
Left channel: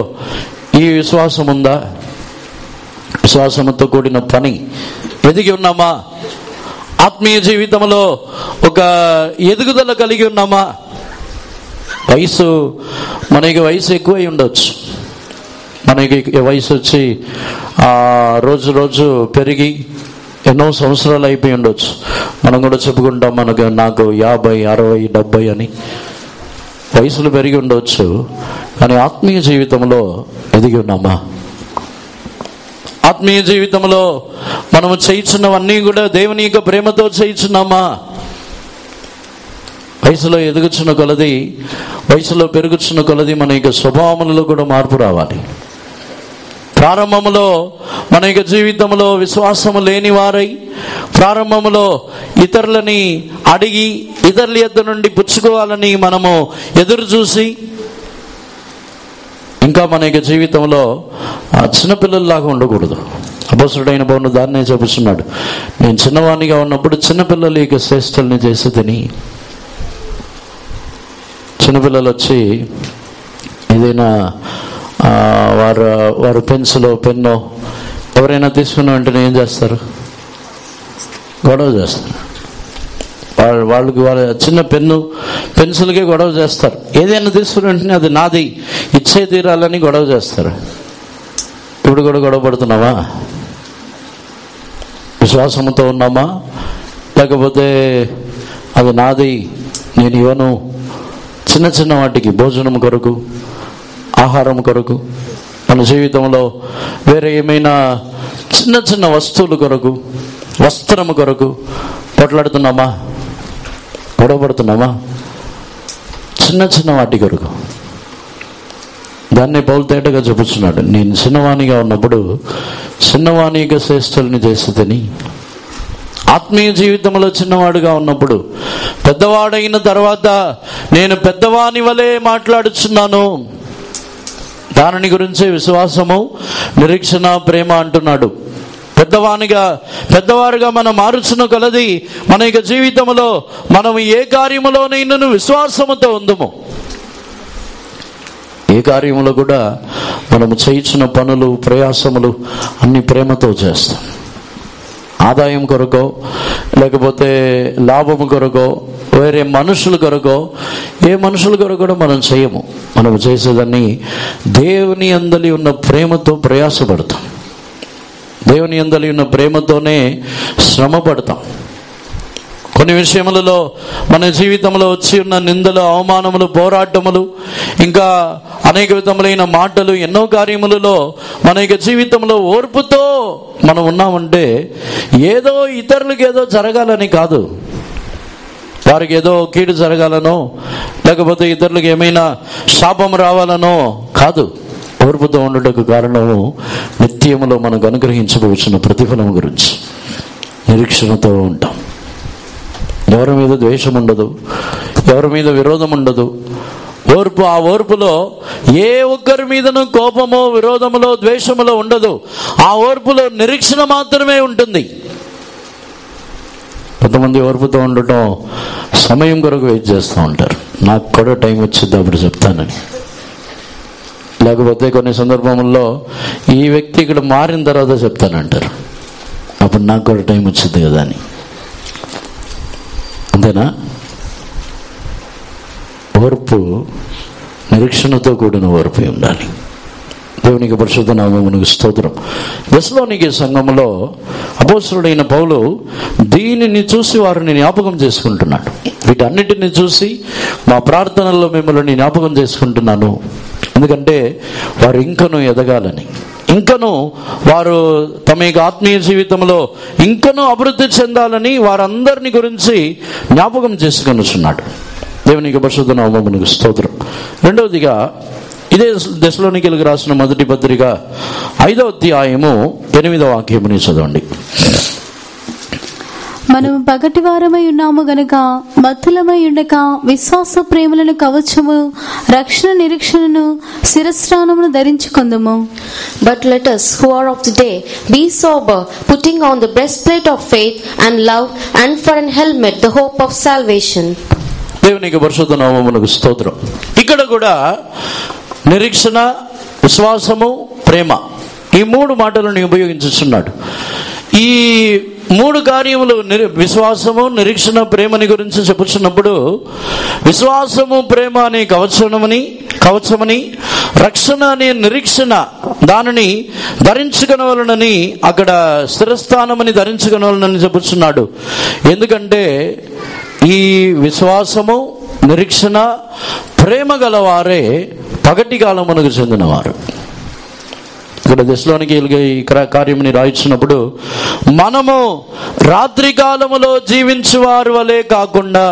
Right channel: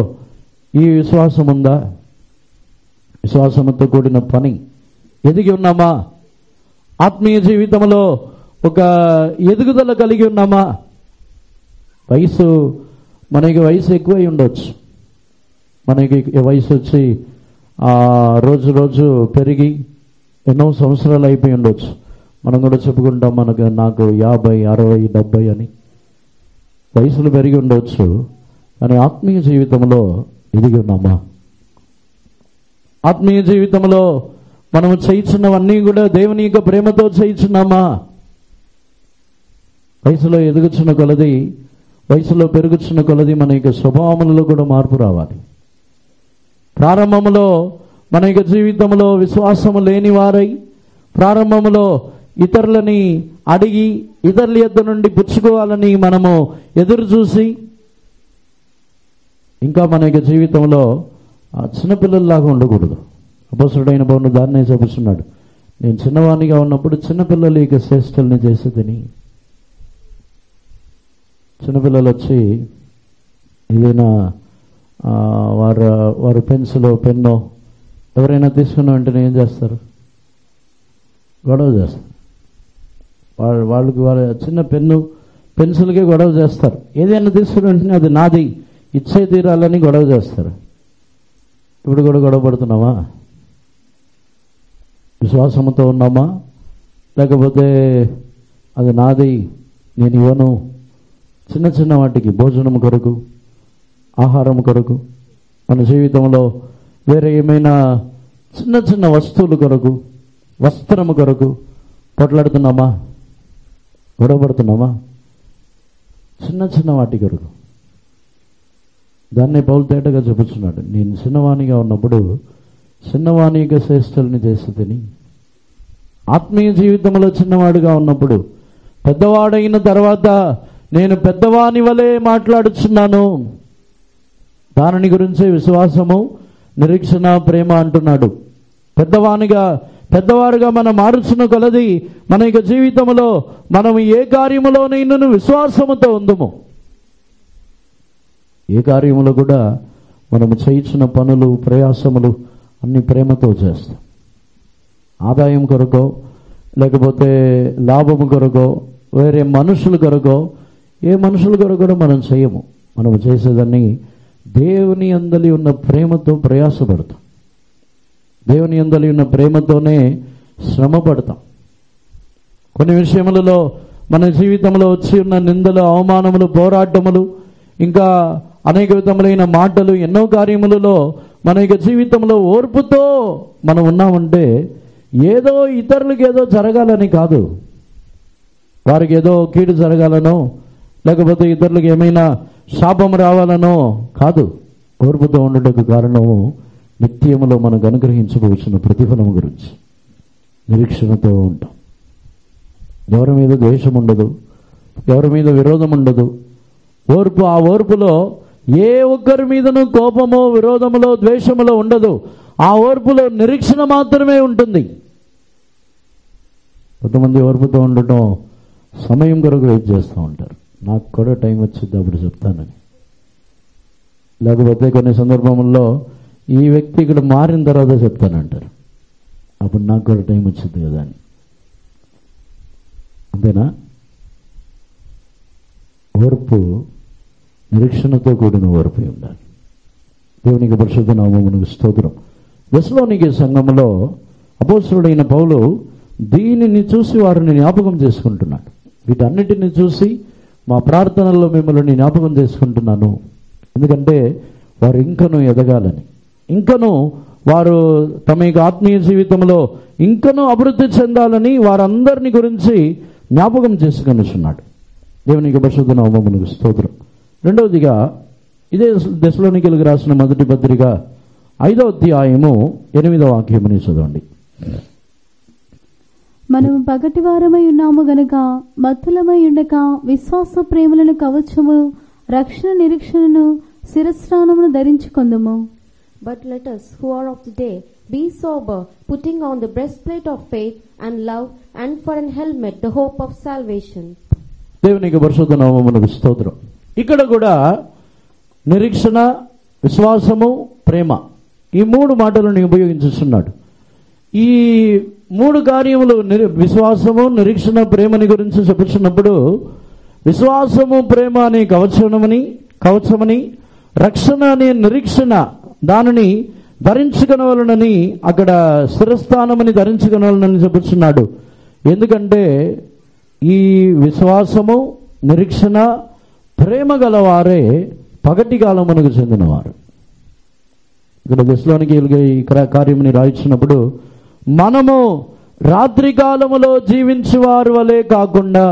ఈ విశ్వాసం ఉందా? విశ్వాసంతో కూడిన పని ఎదిగి ఉన్నామా? ఆత్మీయ జీవితంలో ఒక ఎదుగుదల కలిగి ఉన్నామా? మనకి వయసు ఎక్కువై ఉండొచ్చు, మనకి వయసు వచ్చి రోజు రోజు పెరిగి ఎన్నో సంవత్సరాలు అయిపోయి ఉండొచ్చు. మనం కూడా చెప్పుకుంటాం నాకు 50, 60, 70 అని వయసులు పెరిగి ఉండవచ్చు. కానీ ఆత్మీయ జీవితంలో ఎదిగి ఉన్నామా? ఆత్మీయ జీవితంలో మనము చేయించున్నవన్నీ కూడా దేవుని యొక్క ప్రేమతో చేయించున్నామా? వయసులో ఎదుగుచున్న కొలది, వయసులో పెరుగుచున్న కొలది మన యొక్క స్వభావములలో కూడా మార్పు రావాలి. ప్రారంభంలో మన యొక్క జీవితంలో విశ్వాసము లేని వారై, ప్రారంభంలో ఇతరులని అడిగి ఇతరుల యొద్ద నుండి పుచ్చుకోవాలని మనము ఎదురు చూసి, ఇంకా మన యొక్క జీవితంలో చిన్నపిల్లల్లాగా ఉండకూడదు. అపోస్తలుడైన పౌలు దాన్నే చెబుతున్నాడు, నేను చిన్నవాణిగా ఉన్నప్పుడు చిన్నపిల్లలు ఇక శ్రేష్ఠుల్ని చేసి తిని. చిన్నపిల్లలు వచ్చి ఏదైనా వారు పెన్సిలో పెన్నో ఎవరైనా తీసుకున్న వెంటనే ఏం చేస్తారు? గొడవ చేస్తారు. వాళ్ళకి వాళ్ళ చిన్న పెన్సిల్కే గొడవ చేస్తారు. ఏదైనా తీసుకున్న వెంటనే అది నాది, ఇచ్చే తీరాలని గొడవ చేస్తారు. ఇప్పుడు కూడా గొడవ పడుతున్నామా? విశ్వాసంతో ఉన్నామా? లేకపోతే అది నాది, నేను ఇవ్వను? చిన్న చిన్న వాటికి, భోజనం కొరకు, ఆహారం కొరకు, మన జీవితంలో వేరే ఏమైనా చిన్న చిన్న వస్తువుల కొరకు, వస్త్రము కొరకు పోట్లాడుతున్నామా? గొడవపడుతున్నామా? చిన్న చిన్న వాటి కొరకు. దాన్ని పౌలు తేటగా చెప్పుచున్నాడు, నేను చిన్నవాణిగా ఉన్నప్పుడు చిన్నవాణిగా శ్రేష్ఠుల్ని చేస్తుందని. ఆత్మీయ జీవితంలో చిన్నవాడుగా ఉన్నప్పుడు, పెద్దవాడైన తర్వాత నేను పెద్దవాని వలె మాట్లాడుచున్నాను. దానిని గురించే విశ్వాసము, నిరీక్షణ, ప్రేమ అంటున్నాడు. పెద్దవారుగా మనం మారుచున్న కొలది మన యొక్క జీవితంలో మనం ఏ కార్యములోనైనా విశ్వాసముతో ఉందము. ఏ కార్యములో కూడా మనము చేయించిన పనులు, ప్రయాసములు అన్ని ప్రేమతో చేస్తాం. ఆదాయం కొరకో, లేకపోతే లాభము కొరకో, వేరే మనుషుల కొరకో, ఏ మనుషుల కొరకు కూడా మనం చేయము. మనం చేసేదాన్ని దేవుని యందలి ఉన్న ప్రేమతో ప్రయాసపడతాం. దేవుని యందలి ఉన్న ప్రేమతోనే శ్రమ పడతాం. కొన్ని విషయములలో మన జీవితంలో వచ్చి ఉన్న నిందలు, అవమానములు, పోరాటములు, ఇంకా అనేక విధములైన మాటలు, ఎన్నో కార్యములలో మన యొక్క జీవితంలో ఓర్పుతో మనం ఉన్నామంటే ఏదో ఇతరులకు ఏదో జరగాలని కాదు, వారికి ఏదో కీడు జరగాలనో, లేకపోతే ఇతరులకు ఏమైనా శాపం రావాలనో కాదు. ఓర్పుతో ఉండటకు కారణము నిత్యములో మనకు అనుగ్రహించబోచున్న ప్రతిఫలం గురించి నిరీక్షణతో ఉంటాం. ఎవరి మీద ద్వేషం ఉండదు, ఎవరి మీద విరోధం ఉండదు. ఓర్పు, ఆ ఓర్పులో ఏ ఒక్కరి మీదను కోపమో, విరోధములో, ద్వేషములో ఉండదు. ఆ ఓర్పులో నిరీక్షణ మాత్రమే ఉంటుంది. కొంతమంది ఓర్పుతో ఉండటం సమయం కొరకు వెయిట్ చేస్తూ ఉంటారు. నాకు కూడా టైం వచ్చింది అప్పుడు చెప్తానని. లేకపోతే కొన్ని సందర్భంలో ఈ వ్యక్తి ఇక్కడ మారిన తర్వాత చెప్తానంటారు, అప్పుడు నాకు కూడా టైం వచ్చింది కదా అని. అంతేనా? ఓర్పు నిరీక్షణతో కూడిన ఓర్పు ఉండాలి. దేవునికి పరిశుద్ధ నామమునకు స్తోత్రం. దెస్సలోనికే సంఘములో అపోస్తలుడైన పౌలు దీనిని చూసి వారిని జ్ఞాపకం చేసుకుంటున్నాడు. వీటన్నిటిని చూసి మా ప్రార్థనల్లో మిమ్మల్ని జ్ఞాపకం చేసుకుంటున్నాను. ఎందుకంటే వారు ఇంకనూ ఎదగాలని, ఇంకనూ వారు తమ యొక్క ఆత్మీయ జీవితంలో ఇంకనూ అభివృద్ధి చెందాలని వారందరిని గురించి జ్ఞాపకం చేసుకొనుచున్నాడు. దేవునికి పరిశుద్ధ నామమునకు స్తోత్రం. రెండవదిగా ఇదే దెస్సలోనికీయులకు రాసిన మొదటి పత్రిక 5వ అధ్యాయము 8వ వాక్యముని చదవండి. మనము పగటి వారమై ఉన్నాము గనుక మత్తులమై ఉండక విశ్వాస ప్రేమలను కవచము, రక్షణ నిరీక్షణను, శిరస్త్రాణమును ధరించుకొందుము. But let us who are of the day be sober, putting on the breastplate of faith and love, and for an helmet the hope of salvation. దేవునికి పరిశుద్ధ నామమునకు స్తోత్రం. ఇక్కడ కూడా నిరీక్షణ, విశ్వాసము, ప్రేమ, ఈ మూడు మాటలను ఉపయోగించుతున్నాడు. ఈ మూడు కార్యములు విశ్వాసము, నిరీక్షణ, ప్రేమని గురించి చెప్పుచున్నప్పుడు విశ్వాసము, ప్రేమ అనే కవచమని, రక్షణ అనే నిరీక్షణ దానిని ధరించుకొనవలనని, అక్కడ స్థిరస్థానమని ధరించుకొనవలనని చెప్పుచున్నాడు. ఎందుకంటే ఈ విశ్వాసము, నిరీక్షణ, ప్రేమ గలవారే పగటి కాలమునకు చెందినవారు. ఇక్కడ దశలోనికీయులకు ఈ కార్యముని రాయించినప్పుడు మనము రాత్రి కాలములో జీవించువారు వలె కాకుండా,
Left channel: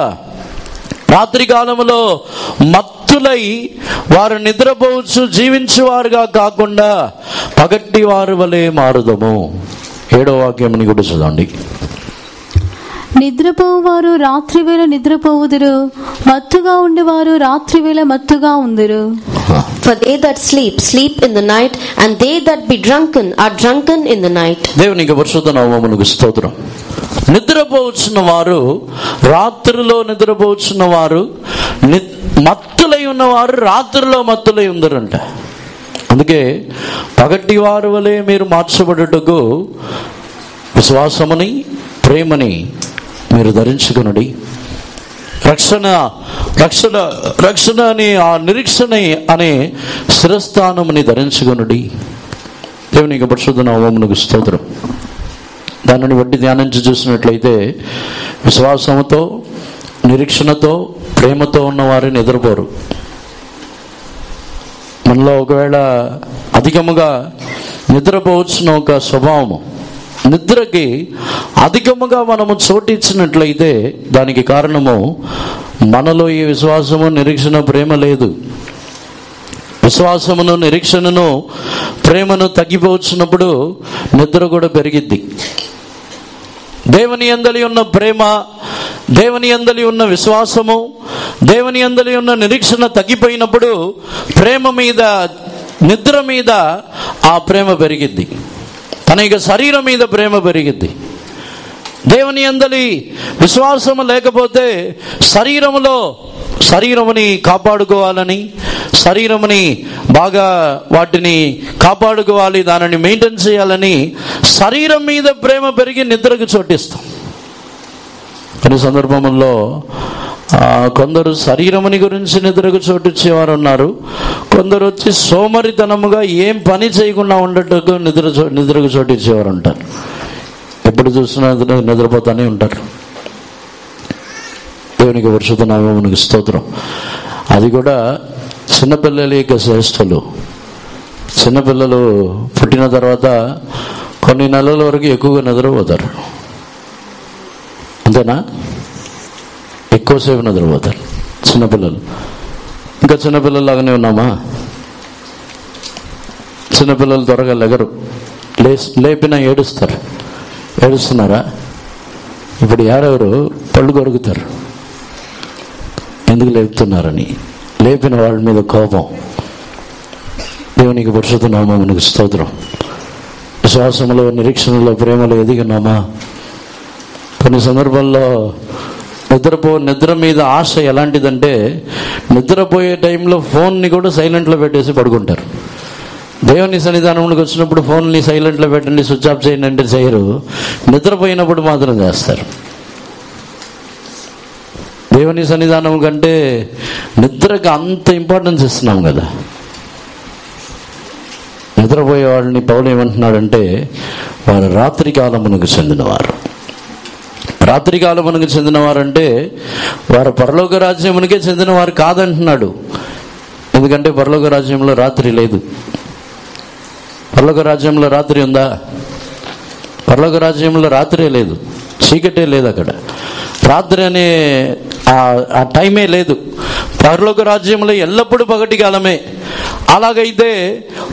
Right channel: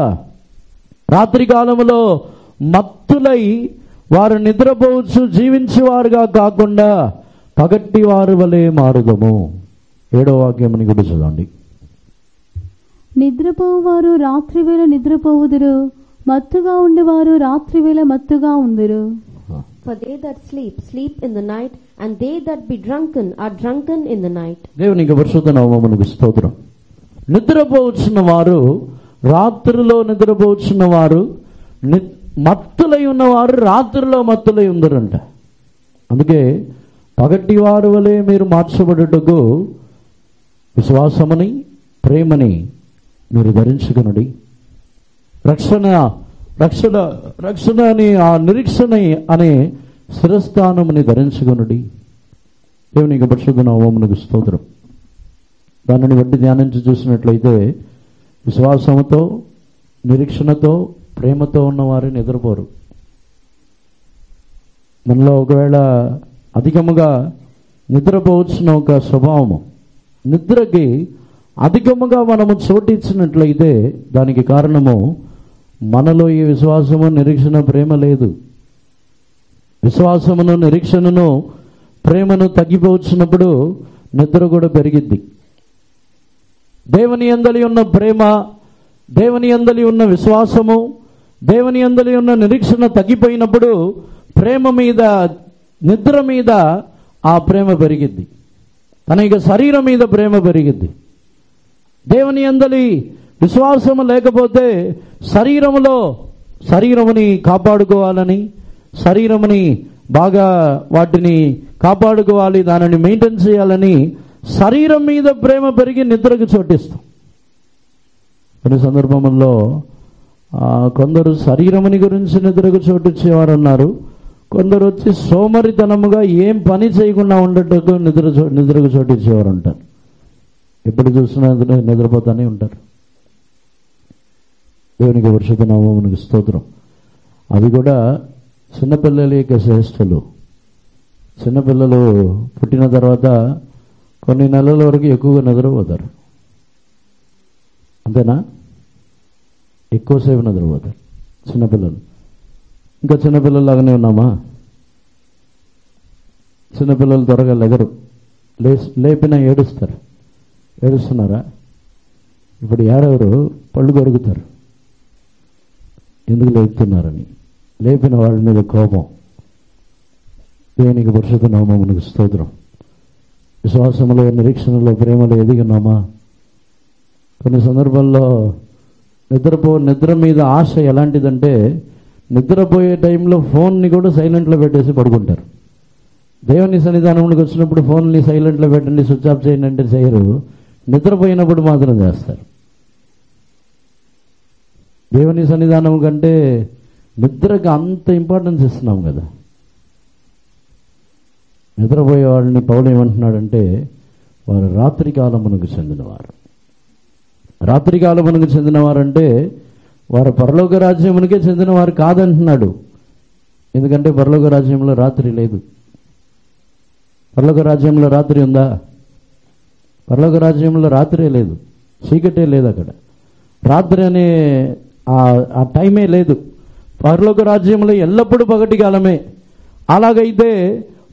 రాత్రి కాలములో మత్తులై వారు నిద్రపోవచ్చు జీవించువారుగా కాకుండా పగటి వారి వలె మారుదము. 7వ వాక్యముని కూడా చదవండి. నిద్రపోవువారు రాత్రి వేళ నిద్రపోవుదురు, మత్తుగా ఉండేవారు రాత్రి వేళ మత్తుగా ఉందురు. For they that sleep, sleep in the night, and they that be drunken are drunken in the night. దేవునికి పరిశుద్ధ నామమునకు స్తోత్రం. నిద్రపోవచ్చున్న వారు, రాత్రిలో నిద్రపోవచ్చున్న వారు, మత్తులై ఉన్నవారు రాత్రిలో మత్తులై ఉందరంట. అందుకే పగటి వారు వలె మీరు మార్చబడుటకు విశ్వాసముని, ప్రేమని మీరు ధరించుకొనుడి. రక్షణ అని, ఆ నిరీక్షణ అనే స్థిరస్థానముని ధరించుకొనుడి. దేవునికి పరిశుద్ధ నామమునకు స్తోత్రం. దానిని బట్టి ధ్యానించి చూసినట్లయితే విశ్వాసముతో, నిరీక్షణతో, ప్రేమతో ఉన్నవారు నిద్రపోరు. మనలో ఒకవేళ అధికముగా నిద్రపోవచ్చిన ఒక స్వభావము, నిద్రకి అధికముగా మనము చోటిచ్చినట్లయితే దానికి కారణము మనలో ఈ విశ్వాసము, నిరీక్షణ, ప్రేమ లేదు. విశ్వాసమును, నిరీక్షణను, ప్రేమను తగ్గిపోవచ్చినప్పుడు నిద్ర కూడా పెరిగిద్ది. దేవుని యందలి ఉన్న ప్రేమ, దేవుని యందలి ఉన్న విశ్వాసము, దేవుని యందలి ఉన్న నిరీక్షణ తగ్గిపోయినప్పుడు ప్రేమ మీద, నిద్ర మీద ఆ ప్రేమ పెరిగిద్ది. తన యొక్క శరీరం మీద ప్రేమ పెరిగిద్ది. దేవుని యందలి విశ్వాసము లేకపోతే శరీరముని కాపాడుకోవాలని, శరీరముని బాగా వాటిని కాపాడుకోవాలి, దానిని మెయింటైన్ చేయాలని శరీరం మీద ప్రేమ పెరిగి నిద్రకు చోటిస్తాం. కొన్ని సందర్భముల్లో కొందరు శరీరముని గురించి నిద్రకు చోటిచ్చేవారు ఉన్నారు. కొందరు వచ్చి సోమరితనముగా ఏం పని చేయకుండా ఉండటకు నిద్రకు చోటిచ్చేవారు ఉంటారు. ఎప్పుడు చూసినా నిద్రపోతానే ఉంటారు. దేవునికి పరిశుద్ధ నామమునకు స్తోత్రం. అది కూడా చిన్నపిల్లల యొక్క శ్రేష్ఠులు. చిన్నపిల్లలు పుట్టిన తర్వాత కొన్ని నెలల వరకు ఎక్కువగా నిద్రపోతారు. అంతేనా? ఎక్కువసేపు నిద్రపోతారు చిన్నపిల్లలు. ఇంకా చిన్నపిల్లలాగానే ఉన్నామా? చిన్నపిల్లలు త్వరగా లెగరు, లేపినా ఏడుస్తారు. ఏడుస్తున్నారా? ఇప్పుడు ఎవరెవరు పళ్ళు కొరుకుతారు ఎందుకు లేపుతున్నారని, లేపిన వాళ్ళ మీద కోపం. దేవునికి పరిశుద్ధ నామమునకు స్తోత్రం. విశ్వాసంలో, నిరీక్షణలో, ప్రేమలో ఎదిగినామా? కొన్ని సందర్భాల్లో నిద్ర మీద ఆశ ఎలాంటిదంటే, నిద్రపోయే టైంలో ఫోన్ని కూడా సైలెంట్లో పెట్టేసి పడుకుంటారు. దేవుని సన్నిధానంలోకి వచ్చినప్పుడు ఫోన్ని సైలెంట్లో పెట్టండి, స్విచ్ ఆఫ్ చేయండి అంటే చేయరు. నిద్రపోయినప్పుడు మాత్రం చేస్తారు. దేవుని సన్నిధానం కంటే నిద్రకి అంత ఇంపార్టెన్స్ ఇస్తున్నాం కదా. నిద్రపోయే వాళ్ళని పౌలు ఏమంటున్నాడంటే, వారు రాత్రి కాలమునకు చెందినవారు. రాత్రి కాలమునకు చెందినవారంటే వారు పరలోక రాజ్యమునికే చెందినవారు కాదంటున్నాడు. ఎందుకంటే పరలోక రాజ్యంలో రాత్రి లేదు. పరలోక రాజ్యంలో రాత్రి ఉందా? పరలోక రాజ్యంలో రాత్రే లేదు, చీకటే లేదు. అక్కడ రాత్రి అనే ఆ టైమే లేదు. పరలోక రాజ్యంలో ఎల్లప్పుడూ పగటి కాలమే. అలాగైతే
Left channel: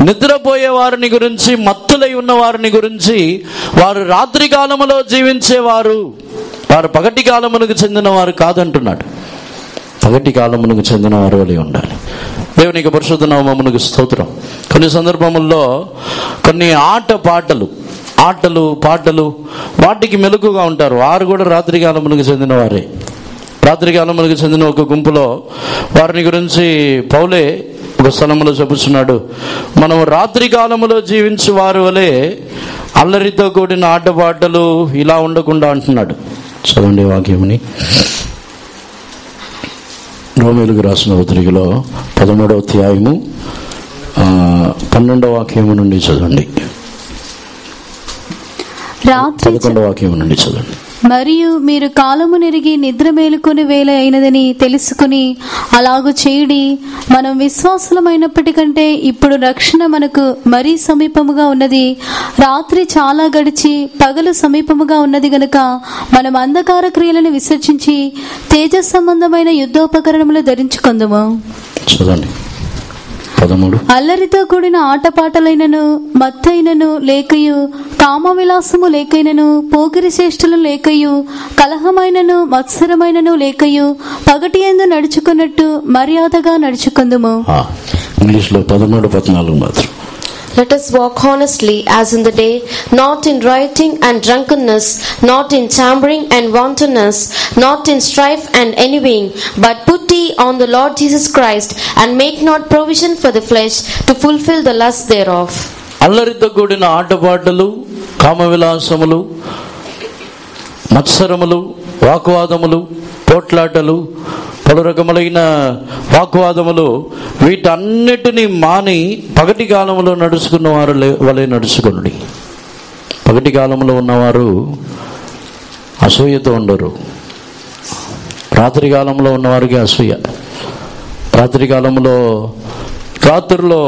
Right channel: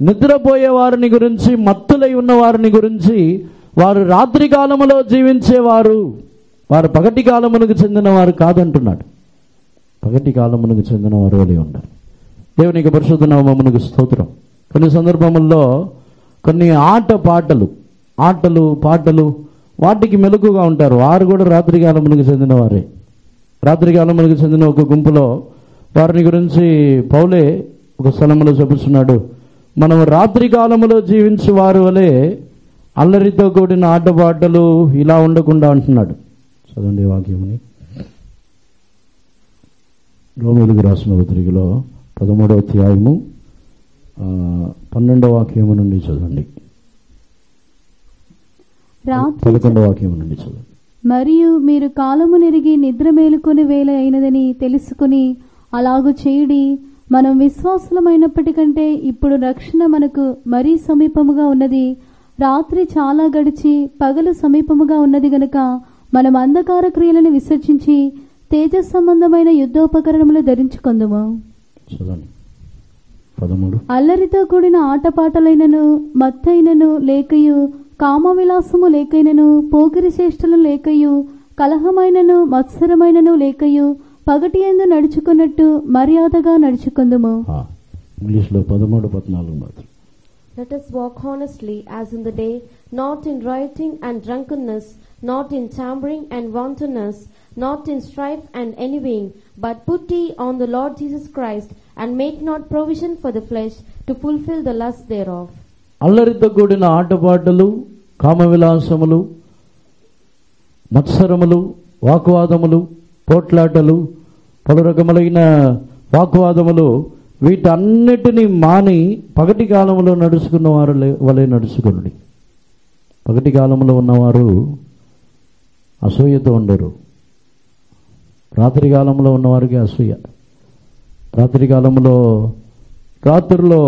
నిద్రపోయే వారిని గురించి, మత్తులై ఉన్న వారిని గురించి, వారు రాత్రి కాలములో జీవించేవారు, వారు పగటి కాలమునకు చెందిన వారు కాదంటున్నాడు. పగటి కాలమునకు చెందిన వారు వలె ఉండాలి. దేవునికి పరిశుద్ధ నామమునకు స్తోత్రం. కొన్ని సందర్భముల్లో కొన్ని ఆటలు పాటలు వాటికి మెలకుగా ఉంటారు. వారు కూడా రాత్రి కాలమునకు చెందిన వారే. రాత్రి కాలమునకు చెందిన ఒక గుంపులో వారిని గురించి పౌలే ఒక స్థలములో చెప్పుచున్నాడు, మనము రాత్రి కాలములో జీవించు వారు వలె అల్లరితో కూడిన ఆటపాటలు ఇలా ఉండకుండా అంటున్నాడు. చదవండి వాక్యముని. రోమీయులకు రాసిన పత్రికలో 13వ అధ్యాయము 12వ వాక్యము నుండి చదవండి. 11వ వాక్యము నుండి చదవండి. మరియు మీరు కాలము నెరిగి నిద్ర మేలుకొని వేళ అయినదని తెలుసుకుని అలాగు చేయుడి. మనం విశ్వాసులమైనప్పటికంటే ఇప్పుడు రక్షణ మనకు మరీ సమీపముగా ఉన్నది. రాత్రి చాలా గడిచి పగలు సమీపముగా ఉన్నది గనుక మనం అంధకార క్రియలను విసర్జించి తేజ సంబంధమైన యుద్ధోపకరణములు ధరించుకొందుము. చదవండి 13. అల్లరితో కూడిన ఆటపాటలైనను మత్తైనను లేకయు కామ విలాసము లేకైనను పోకిరి చేష్టలు లేకయు కలహమైనను మత్సరమైనను లేకయు పగటి యందు నడుచుకున్నట్టు మర్యాదగా నడుచుకుందుము. ఇంగ్లీష్లో 13-14 మాత్రం. Let us walk honestly as in the day, not in rioting and drunkenness, not in chambering and wantonness, not in strife and envying, but put ye on the Lord Jesus Christ, and make not provision for the flesh to fulfill the lust thereof. అల్లరితో కూడిన ఆటపాటలు, కామ విలాసములు, మత్సరములు, వాగ్వాదములు, పోట్లాటలు, పలు రకములైన వాగ్వాదములు, వీటన్నిటినీ మాని పగటి కాలంలో నడుచుకున్న వారు వలె నడుచుకునుడి. పగటి కాలంలో ఉన్నవారు అసూయతో ఉండరు. రాత్రి కాలంలో ఉన్నవారికి అసూయ. రాత్రి కాలంలో రాత్రిలో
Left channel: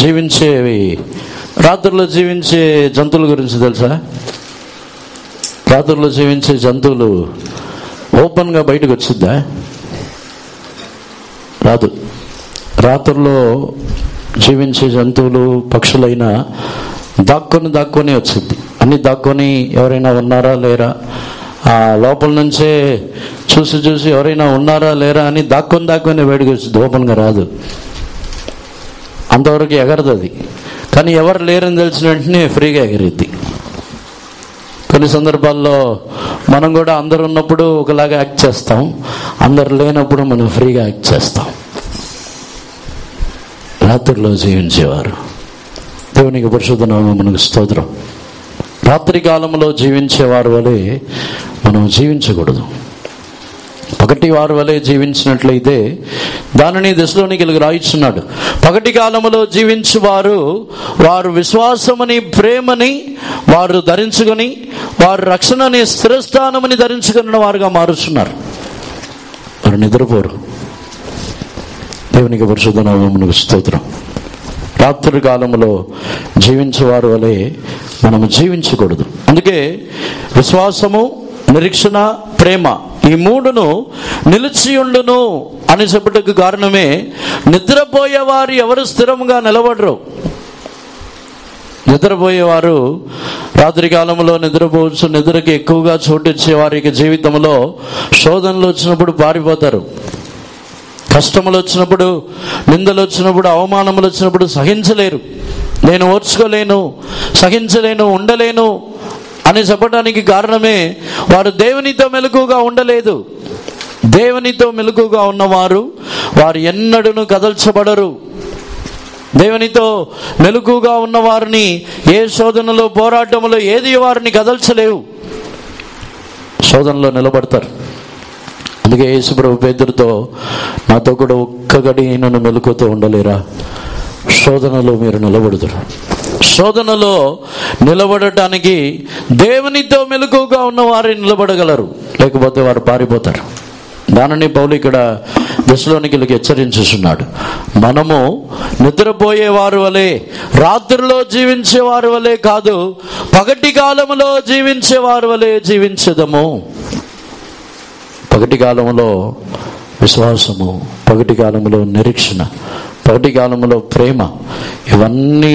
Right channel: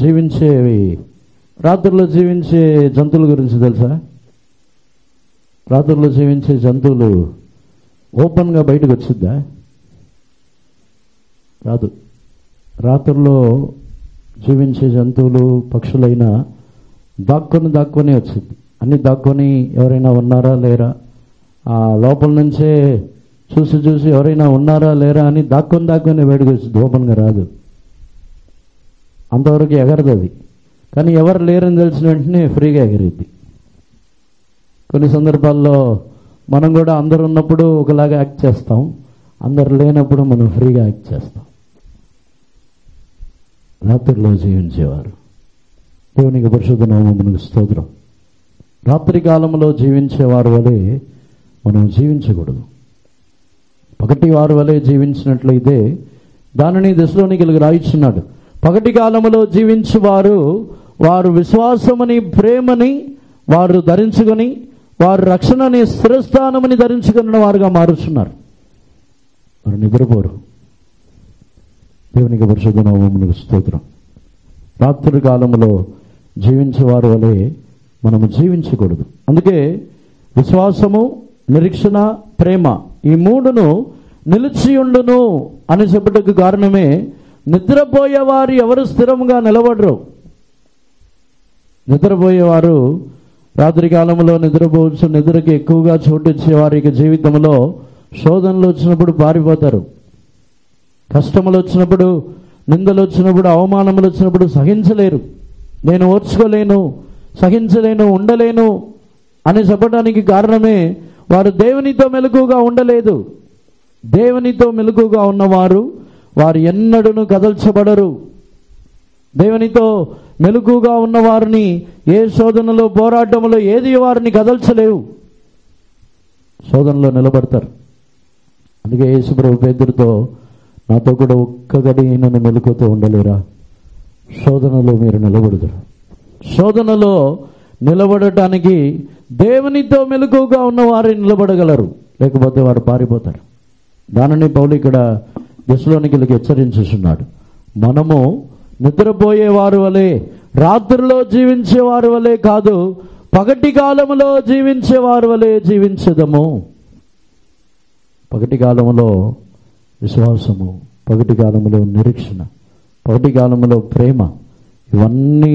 జీవించే జంతువుల గురించి తెలుసా? రాత్రిలో జీవించే జంతువులు ఓపెన్గా బయటకు వచ్చిద్దా? రాదు. రాత్రిలో జీవించే జంతువులు పక్షులైనా దాక్కొని వచ్చింది. అన్ని దాక్కొని ఎవరైనా ఉన్నారా లేరా, ఆ లోపల నుంచే చూసి ఎవరైనా ఉన్నారా లేరా అని దాక్కొని బయటకు వచ్చింది. ఓపెన్గా రాదు. అంతవరకు ఎగరదు అది. కానీ ఎవరు లేరని తెలిసిన వెంటనే ఫ్రీగా ఎగిరిద్ది. కొన్ని సందర్భాల్లో మనం కూడా అందరు ఉన్నప్పుడు ఒకలాగా యాక్ట్ చేస్తాం, అందరు లేనప్పుడు మనం ఫ్రీగా యాక్ట్ చేస్తాం. రాత్రిలో జీవించేవారు, దేవునికి పరిశుద్ధ నామమునకు స్తోత్రం. రాత్రి కాలంలో జీవించేవారు వలె మనం జీవించకూడదు. పగటి వారి వలె జీవించినట్లయితే దానిని దశలోనికీయులకు రాయిస్తున్నాడు. పగటి కాలంలో వారు విశ్వాసమని ప్రేమని వారు ధరించుకొని వారు రక్షణని స్థిరస్థానమని ధరించుకున్న వారుగా మారుస్తున్నారు. వారు నిద్రపోరు. దేవునికి పరిశుద్ధ నామమునకు స్తోత్రం. రాత్రి కాలంలో జీవించేవారు వలె మనము జీవించకూడదు. అందుకే విశ్వాసము, నిరీక్షణ, ప్రేమ ఈ మూడును నిలిచియుండును అని చెప్పటకు కారణమే నిద్రపోయేవారు ఎవరు స్థిరంగా నిలబడరు. నిద్రపోయేవారు రాత్రి కాలంలో నిద్రపోవచ్చు. నిద్రకి ఎక్కువగా చోటిచ్చే వారికి జీవితంలో శోధనలు వచ్చినప్పుడు పారిపోతారు. కష్టములు వచ్చినప్పుడు, నిందలు వచ్చినప్పుడు, అవమానములు వచ్చినప్పుడు సహించలేరు. నేను ఓర్చుకోలేను, సహించలేను, ఉండలేను అని చెప్పడానికి కారణమే వారు దేవునితో మెలకుగా ఉండలేదు. దేవునితో మెలకుగా ఉన్నవారు వారు ఎన్నడూను కదల్చబడరు. దేవునితో మెలకుగా ఉన్నవారిని ఏ శోధనలో, పోరాటంలో ఏది వారిని కదల్చలేవు. శోధనలో నిలబడతారు. అందుకే యేసుప్రభు పేతురుతో, నాతో కూడా ఒక్క గడి నన్ను మెలకుతో ఉండలేరా? శోధనలో మీరు నిలబడుతారు. శోధనలో నిలబడటానికి దేవునితో మెలకుగా ఉన్న వారు నిలబడగలరు, లేకపోతే వారు పారిపోతారు. దానిని పౌలు ఇక్కడ దశలోనికీయులకు హెచ్చరించుచున్నాడు. మనము నిద్రపోయేవారు వలె, రాత్రిలో జీవించేవారు వలె కాదు, పగటి కాలంలో జీవించేవారు వలె జీవించదము. పగటి కాలంలో విశ్వాసము, పగటి కాలంలో నిరీక్షణ, పగటి కాలంలో ప్రేమ, ఇవన్నీ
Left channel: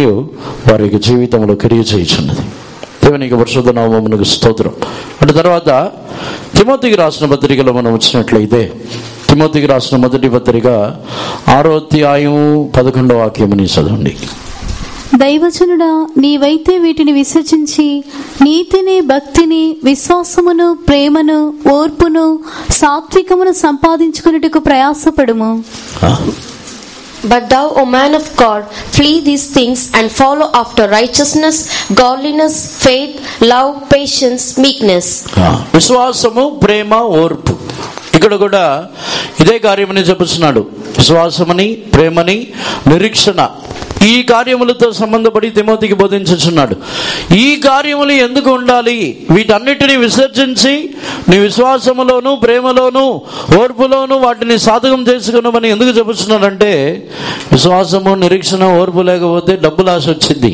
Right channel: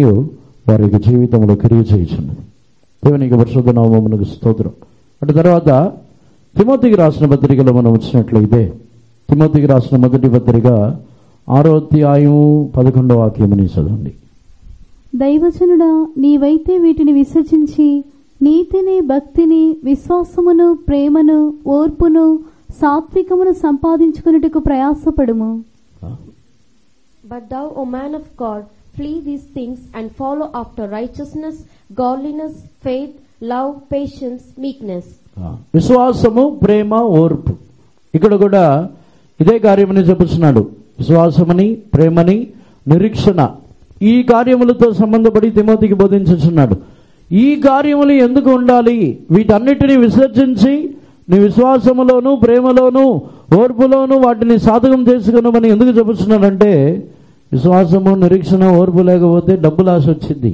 వారి యొక్క జీవితంలో క్రియ చేయుచున్నది. దేవునికి పరిశుద్ధ నామమునకు స్తోత్రం. అటు తర్వాత తిమోతికి రాసిన పత్రికలో మనం వచ్చినట్లయితే, తిమోతికి రాసిన మొదటి పత్రిక 6వ అధ్యాయం 11వ వాక్యముని చదవండి. దైవజనుడా, నీవైతే వీటిని విసర్జించి నీతిని, భక్తిని, విశ్వాసమును, ప్రేమను, ఓర్పును, సాత్వికమును సంపాదించుకున్నట్టుకు ప్రయాసపడుము. But thou, O man of God, flee these things and follow after righteousness, godliness, faith, love, patience, meekness. విశ్వాసము, ప్రేమ, ఓర్పు. ఇక్కడ కూడా ఇదే కార్యమని చెప్పుతున్నాడు. విశ్వాసమని, ప్రేమని, నిరీక్షణ, ఈ కార్యములతో సంబంధపడి తిమోతికి బోధించుచున్నాడు. ఈ కార్యములు ఎందుకు ఉండాలి? వీటన్నిటిని విసర్జించి నీ విశ్వాసములోను, ప్రేమలోను, ఓర్పులోను వాటిని సాధకం చేసుకున్నామని ఎందుకు చెప్పుతున్నాడంటే, విశ్వాసము, నిరీక్షణ, ఓర్పు లేకపోతే డబ్బులు ఆశ వచ్చింది.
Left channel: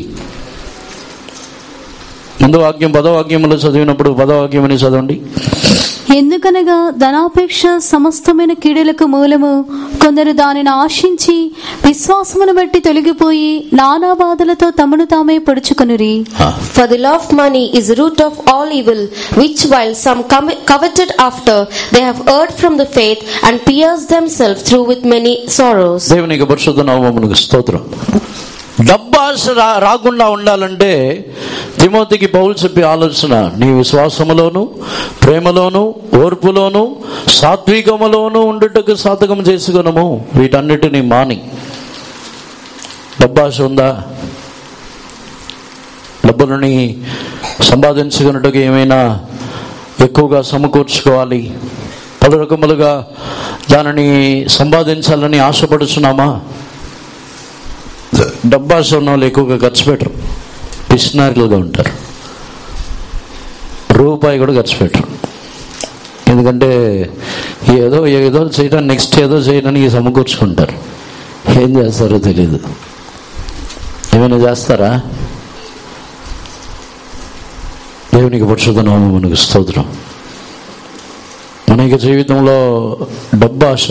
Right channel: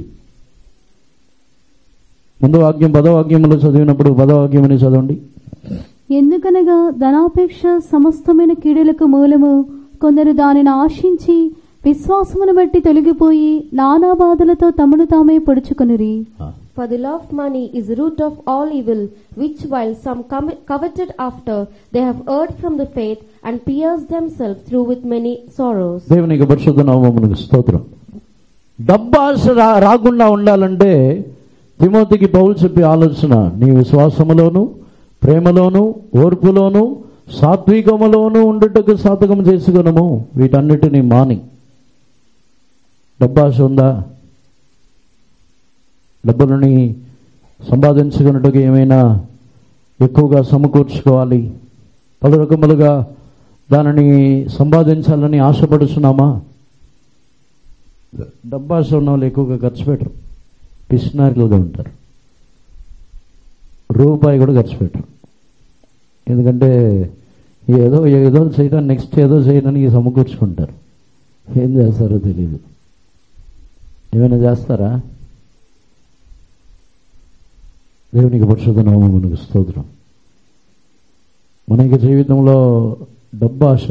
ముందు వాక్యం 10వ వాక్యములో చదివినప్పుడు 10వ వాక్యమని చదవండి. ఎందుకనగా ధనాపేక్ష సమస్తమైన కీడులకు మూలము, కొందరు దానిని ఆశించి విశ్వాసమును బట్టి తొలగిపోయి నానా బాధలతో తమను తామే పొడుచుకొనురి. For the love of money is the root of all evil, which while some coveted after, they have erred from the faith and pierced themselves through with many sorrows. దేవునికి పరిశుద్ధ నామమునకు స్తోత్రం. డబ్బాశ రాకుండా ఉండాలంటే తిమోతికి పౌలు చెప్పే ఆలోచన, నీ విశ్వాసములోను, ప్రేమలోను, ఓర్పులోను, సాత్వికములోను ఉండుటకు సాధకం చేసుకునము. వీటన్నిటిని మాని. డబ్బాశ ఉందా? డబ్బులని సంపాదించుకున్నట్టుగా ఏమైనా ఎక్కువగా సమకూర్చుకోవాలి, పలు రకములుగా దానిని సంపాదించాలని ఆశపడుచున్నామా? డబ్బాశ ఉన్న వాళ్ళు ఎక్కువగా ఖర్చు పెట్టరు, పిసినారులుగా ఉంటారు. రూపాయి కూడా ఖర్చు పెట్టరు. ఎందుకంటే ఏదో ఏదో చేయడానికి, నెక్స్ట్ ఏదో చేయడానికి సమకూర్చుకుంటారు. ఏం చేస్తారో తెలియదు. ఏమైనా చేస్తారా? దేవునికి పరిశుద్ధ నామమునకు స్తోత్రం. మన జీవితంలో డబ్బాశ,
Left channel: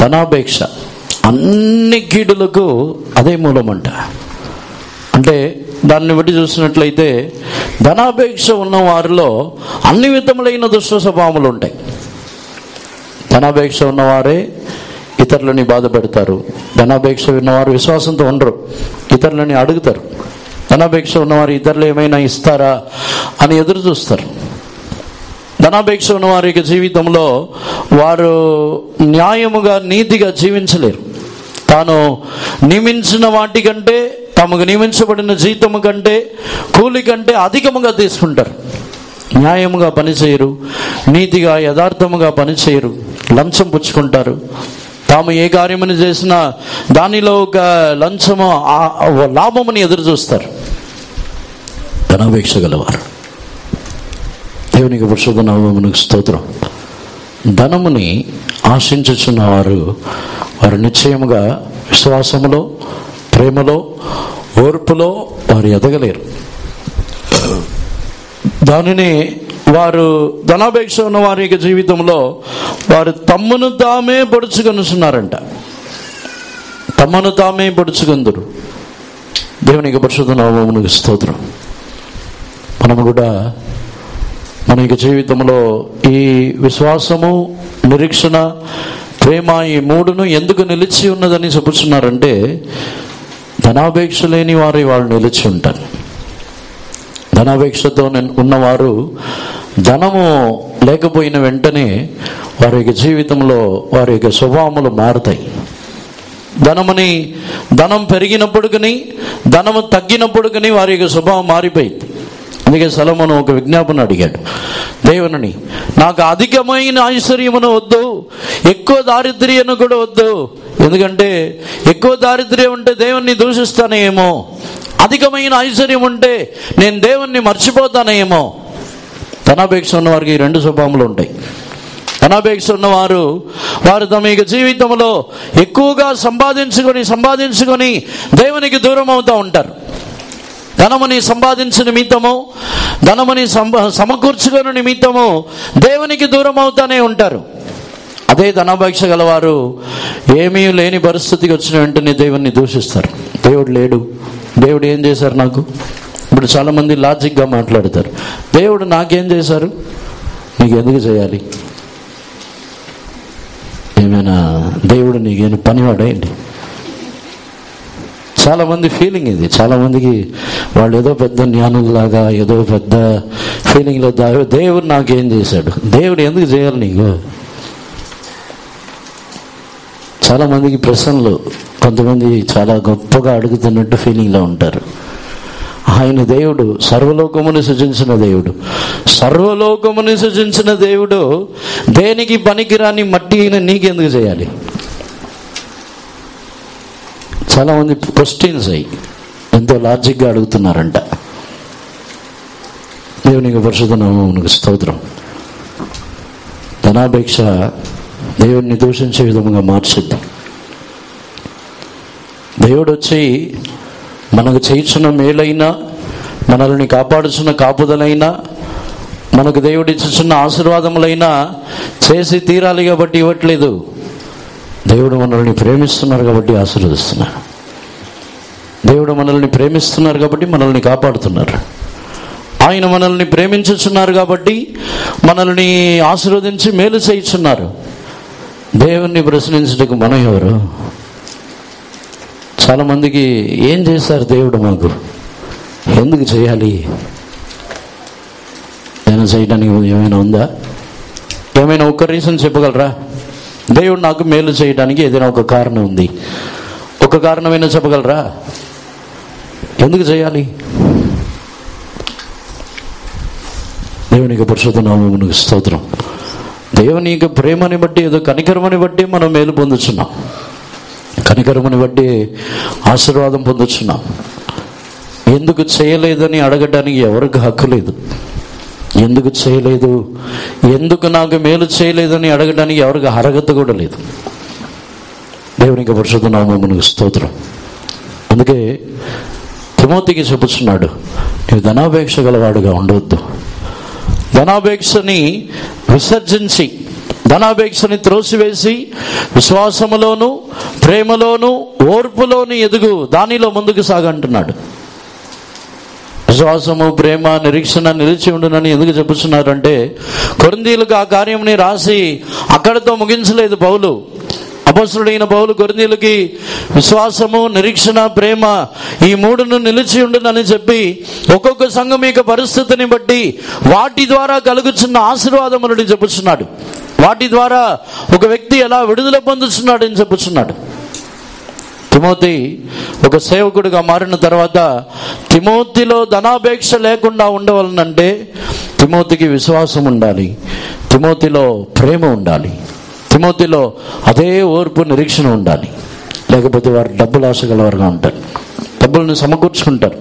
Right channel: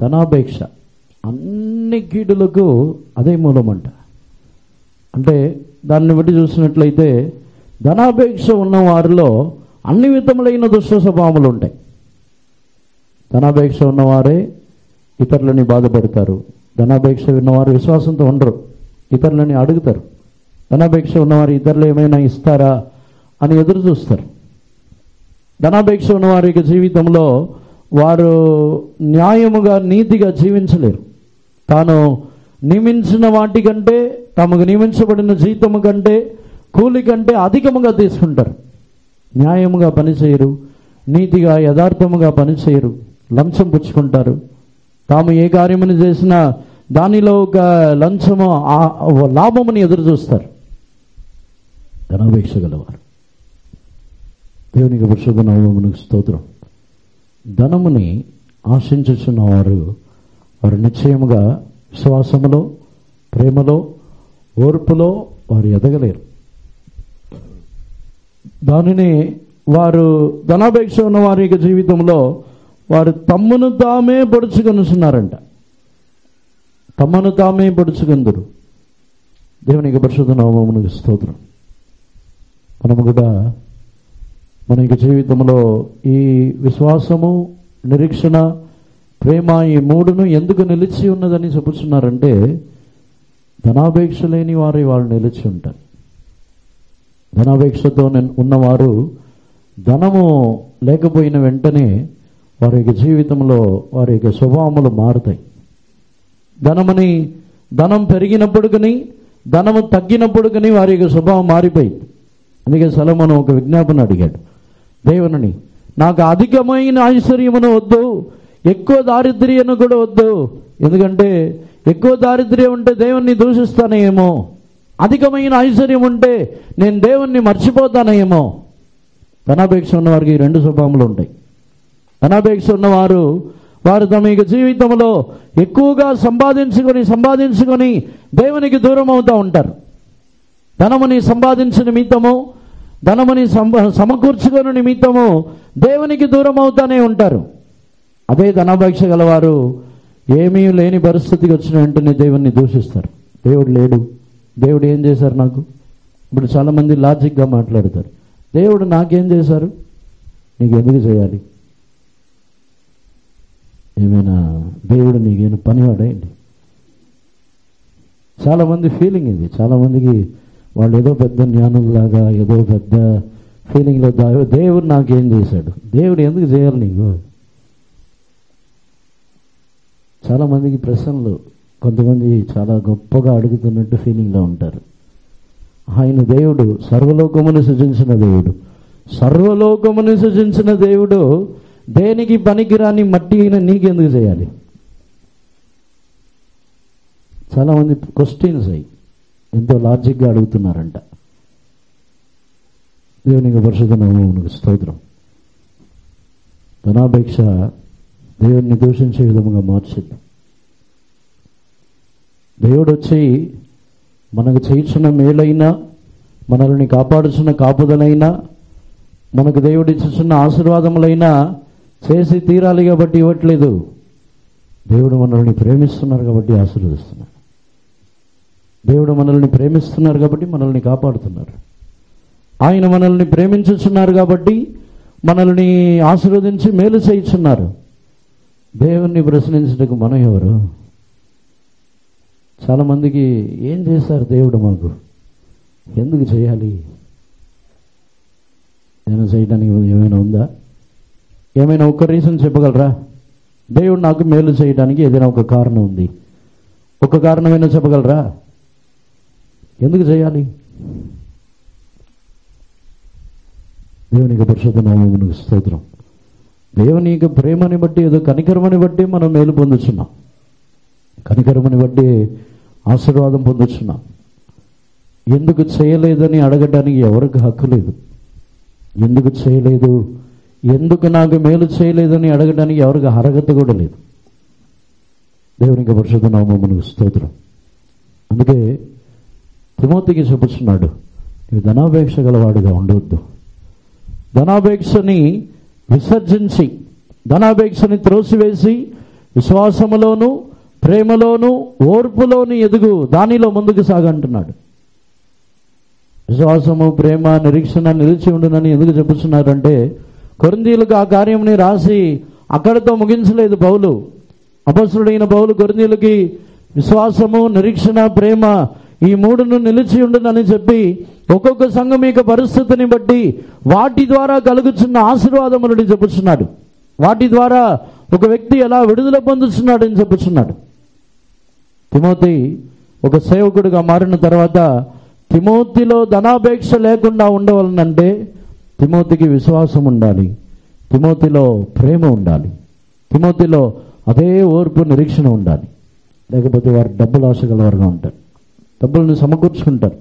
ధనాపేక్ష, అన్ని కీడులకు అదే మూలమంట. అంటే దాన్ని బట్టి చూసినట్లయితే ధనాపేక్ష ఉన్న వారిలో అన్ని విధములైన దుష్ట స్వభావములు ఉంటాయి. ధనాపేక్ష ఉన్నవారే ఇతరులని బాధ పెడతారు. ధనాపేక్ష ఉన్నవారు విశ్వాసంతో ఉండరు, ఇతరులని అడుగుతారు. ధనాపేక్ష ఉన్నవారు ఇతరులు ఏమైనా ఇస్తారా అని ఎదురు చూస్తారు. ధనాపేక్ష ఉన్న వారి జీవితంలో వారు న్యాయముగా, నీతిగా జీవించలేరు. తాను నియమించిన వాటికంటే, తమకు నియమించబడిన జీతము కంటే, కూలి కంటే అధికముగా తీసుకుంటారు. న్యాయముగా పనిచేయరు, నీతిగా యథార్థముగా పనిచేయరు, లంచం పుచ్చుకుంటారు. తాము ఏ కార్యమును చేసినా దానిలో ఒక లంచము, లాభముని ఎదురు చూస్తారు. ధనాపేక్ష గలవారు. దేవునికి పరిశుద్ధ నామమునకు స్తోత్రం. ధనముని ఆశించుచున్నవారు వారు నిశ్చయముగా విశ్వాసములో, ప్రేమలో, ఓర్పులో వారు ఎదగలేరు. దానిని వారు ధనాపేక్ష ఉన్న వారి యొక్క జీవితంలో వారు తమ్మును తామే పొడుచుకొనుచున్నారంట. తమను తామే పొడుచుకొందురు. దేవునికి పరిశుద్ధ నామమునకు స్తోత్రం. మనము కూడా మన యొక్క జీవితంలో ఈ విశ్వాసము, నిరీక్షణ, ప్రేమ, ఈ మూడును ఎందుకు నిలిచి ఉన్నదని చెప్పుచున్నారంటే, ధనాపేక్ష లేని వారు వాళ్ళు నిలిచి ఉంటారు. ధనాపేక్షతో ఉన్నవారు ధనము లేకపోయిన వెంటనే వారి యొక్క జీవితంలో వారి యొక్క స్వభావములు మారుతాయి. ధనం పెరిగినప్పటికీ, ధనము తగ్గినప్పటికీ వారి యొక్క స్వభావం మారిపోయింది. అందుకే సొలొమోను ఒక విజ్ఞాపన అడిగాడు దేవుని, నాకు అధికమైన ఐశ్వర్యమును వద్దు, ఎక్కువ దారిద్ర్యను కూడా వద్దు. ఎందుకంటే ఎక్కువ దారిద్ర్యం ఉంటే దేవుణ్ణి దూషిస్తానేమో, అధికమైన ఐశ్వర్యం ఉంటే నేను దేవుణ్ణి మర్చిపోతానేమో. ధనాపేక్ష ఉన్న వారికి ఈ రెండు స్వభావములు ఉంటాయి. ధనాపేక్ష ఉన్నవారు వారు తమ యొక్క జీవితంలో ఎక్కువగా సంపాదించుకొని దేవునికి దూరం అవుతూ ఉంటారు. ధనముని సంపాదించిన నిమిత్తము, ధనముని సమకూర్చుకున్న నిమిత్తము దేవునికి దూరం అవుతానే ఉంటారు. అదే ధనాపేక్ష గలవారు ఏమీ లేని పరిస్థితికి వచ్చిన వెంటనే దేవుణ్ణి దూషిస్తారు. దేవుడు లేడు, దేవుడు ఏం చేశారు నాకు? ఇప్పుడు చాలామంది లాజిక్గా మాట్లాడతారు. దేవుడు నాకేం చేశారు, నీకు ఎందుకు చేయాలి? ఏమైనా దేవుడు నీకేమైనా పనివాడేంటి? చాలామంది ఫీలింగ్ ఇది. చాలామందికి వాళ్ళు ఏదో పెద్ద జ్ఞానులాగా, ఏదో పెద్ద ఫీలింగ్లో దేవుడు నాకేం చేశాడు, దేవుడు ఎందుకు చేయాలి నీకు? చాలామందికి ప్రశ్నలు, కొంతమంది చాలా గొప్పగా అడుగుతున్నట్టు ఫీలింగ్లో ఉంటారు. ఆయన దేవుడు సర్వలోకముని సృజించిన దేవుడు. సర్వలోకముని సృజించిన దేవుడు దేనికి పనికిరాని మట్టి అయినా నీకెందుకు చేయాలి? చాలామంది క్వశ్చన్స్ అయ్యి ఎంతో లాజిక్గా అడుగుతున్నారంట. దేవునికి పరిశుద్ధ నామమునకు స్తోత్రం. ధనాపేక్ష దేవుడిని దూషించే విధంగా మార్చుద్ది. దేవుడు వచ్చి మనకు చేయుచున్న మేలైనా, మనల్ని కాపాడుచున్న కాపుదలైనా, మనకు దేవుడు ఇచ్చుచున్న ఆశీర్వాదములైనా చేసి తీరాలి కాబట్టి ఇవ్వట్లేదు. దేవుడు మనల్ని ప్రేమిస్తున్నారు కాబట్టి ఆశీర్వదిస్తున్నారు. దేవుడు మనల్ని ప్రేమిస్తున్నారు కాబట్టి మనల్ని కాపాడుతున్నారు. ఆయన మనల్ని ప్రేమించుచున్నారు కాబట్టి మనల్ని ఆశీర్వదించి మేలు చేయుచున్నారు. దేవుణ్ణి ప్రశ్నించుటకు మనం ఎవరు? చాలామందికి ఏం చేశారు దేవుడు మాకు, ఎందుకు చేయాలి, ఏమైనా చేయడానికి ఏమైనా ఉందా? ఏమైనా ఒక్క రీజన్ చెప్పగలరా? దేవుడు నాకు మేలు చేయడానికి ఏదైనా ఒక కారణం ఉంది, ఒక కారణమైనా చెప్పగలరా? ఎందుకు చేయాలి? దేవునికి పరిశుద్ధ నామమునకు స్తోత్రం. దేవుని యొక్క ప్రేమని బట్టి, ఏదో కనికరమని బట్టి మనం మేలు పొందుతున్నాం, కనికరమని బట్టి ఆశీర్వాదం పొందుతున్నాం. ఎందుకు చేయలేదని అడగడానికి ఎవరికి హక్కు లేదు. ఎందుకు చేయలేదు, ఎందుకు నాకు మేలు చేయలేదని అడగడానికి ఎవరికి అర్హత కూడా లేదు. దేవునికి పరిశుద్ధ నామమునకు స్తోత్రం. అందుకే తిమోతికి చెప్పుచున్నాడు, నీవు ధనాపేక్ష గలవాడుగా ఉండవద్దు. ధనాపేక్షని విసర్జించి, ధనాపేక్షని త్రోసివేసి విశ్వాసములోను, ప్రేమలోను, ఓర్పులోను ఎదుగు, దానిలో ముందుకు సాగంటున్నాడు. విశ్వాసము, ప్రేమ, నిరీక్షణ నిలిచి ఉండునని ఎందుకు చెప్పుతున్నారంటే, కొరింథీయులకు ఆ కార్యంని రాసి అక్కడితో ముగించలేదు పౌలు. అపొస్తలుడైన పౌలు కొరింథీయులకి విశ్వాసము, నిరీక్షణ, ప్రేమ ఈ మూడును నిలిచి ఉండునని చెప్పి ఒక్కొక్క సంఘం యొక్క పరిస్థితిని బట్టి వాటి ద్వారా కలుగుతున్న ఆశీర్వాదములని చెప్పుచున్నాడు. వాటి ద్వారా ఒక వ్యక్తి ఎలా విడుదల పొందుతున్నాడని చెప్పుచున్నాడు. తిమోతి ఒక సేవకుడిగా మారిన తర్వాత తిమోతిలో ధనాపేక్ష లేకుండా ఉండవాలనంటే తిమోతికి విశ్వాసం ఉండాలి, తిమోతిలో ప్రేమ ఉండాలి, తిమోతిలో అదే ఓర్పు, నిరీక్షణ ఉండాలి. లేకపోతే వారు డబ్బులు ఆశ గలవారుగా ఉంటారు. డబ్బులను సమకూర్చుకుంటారు.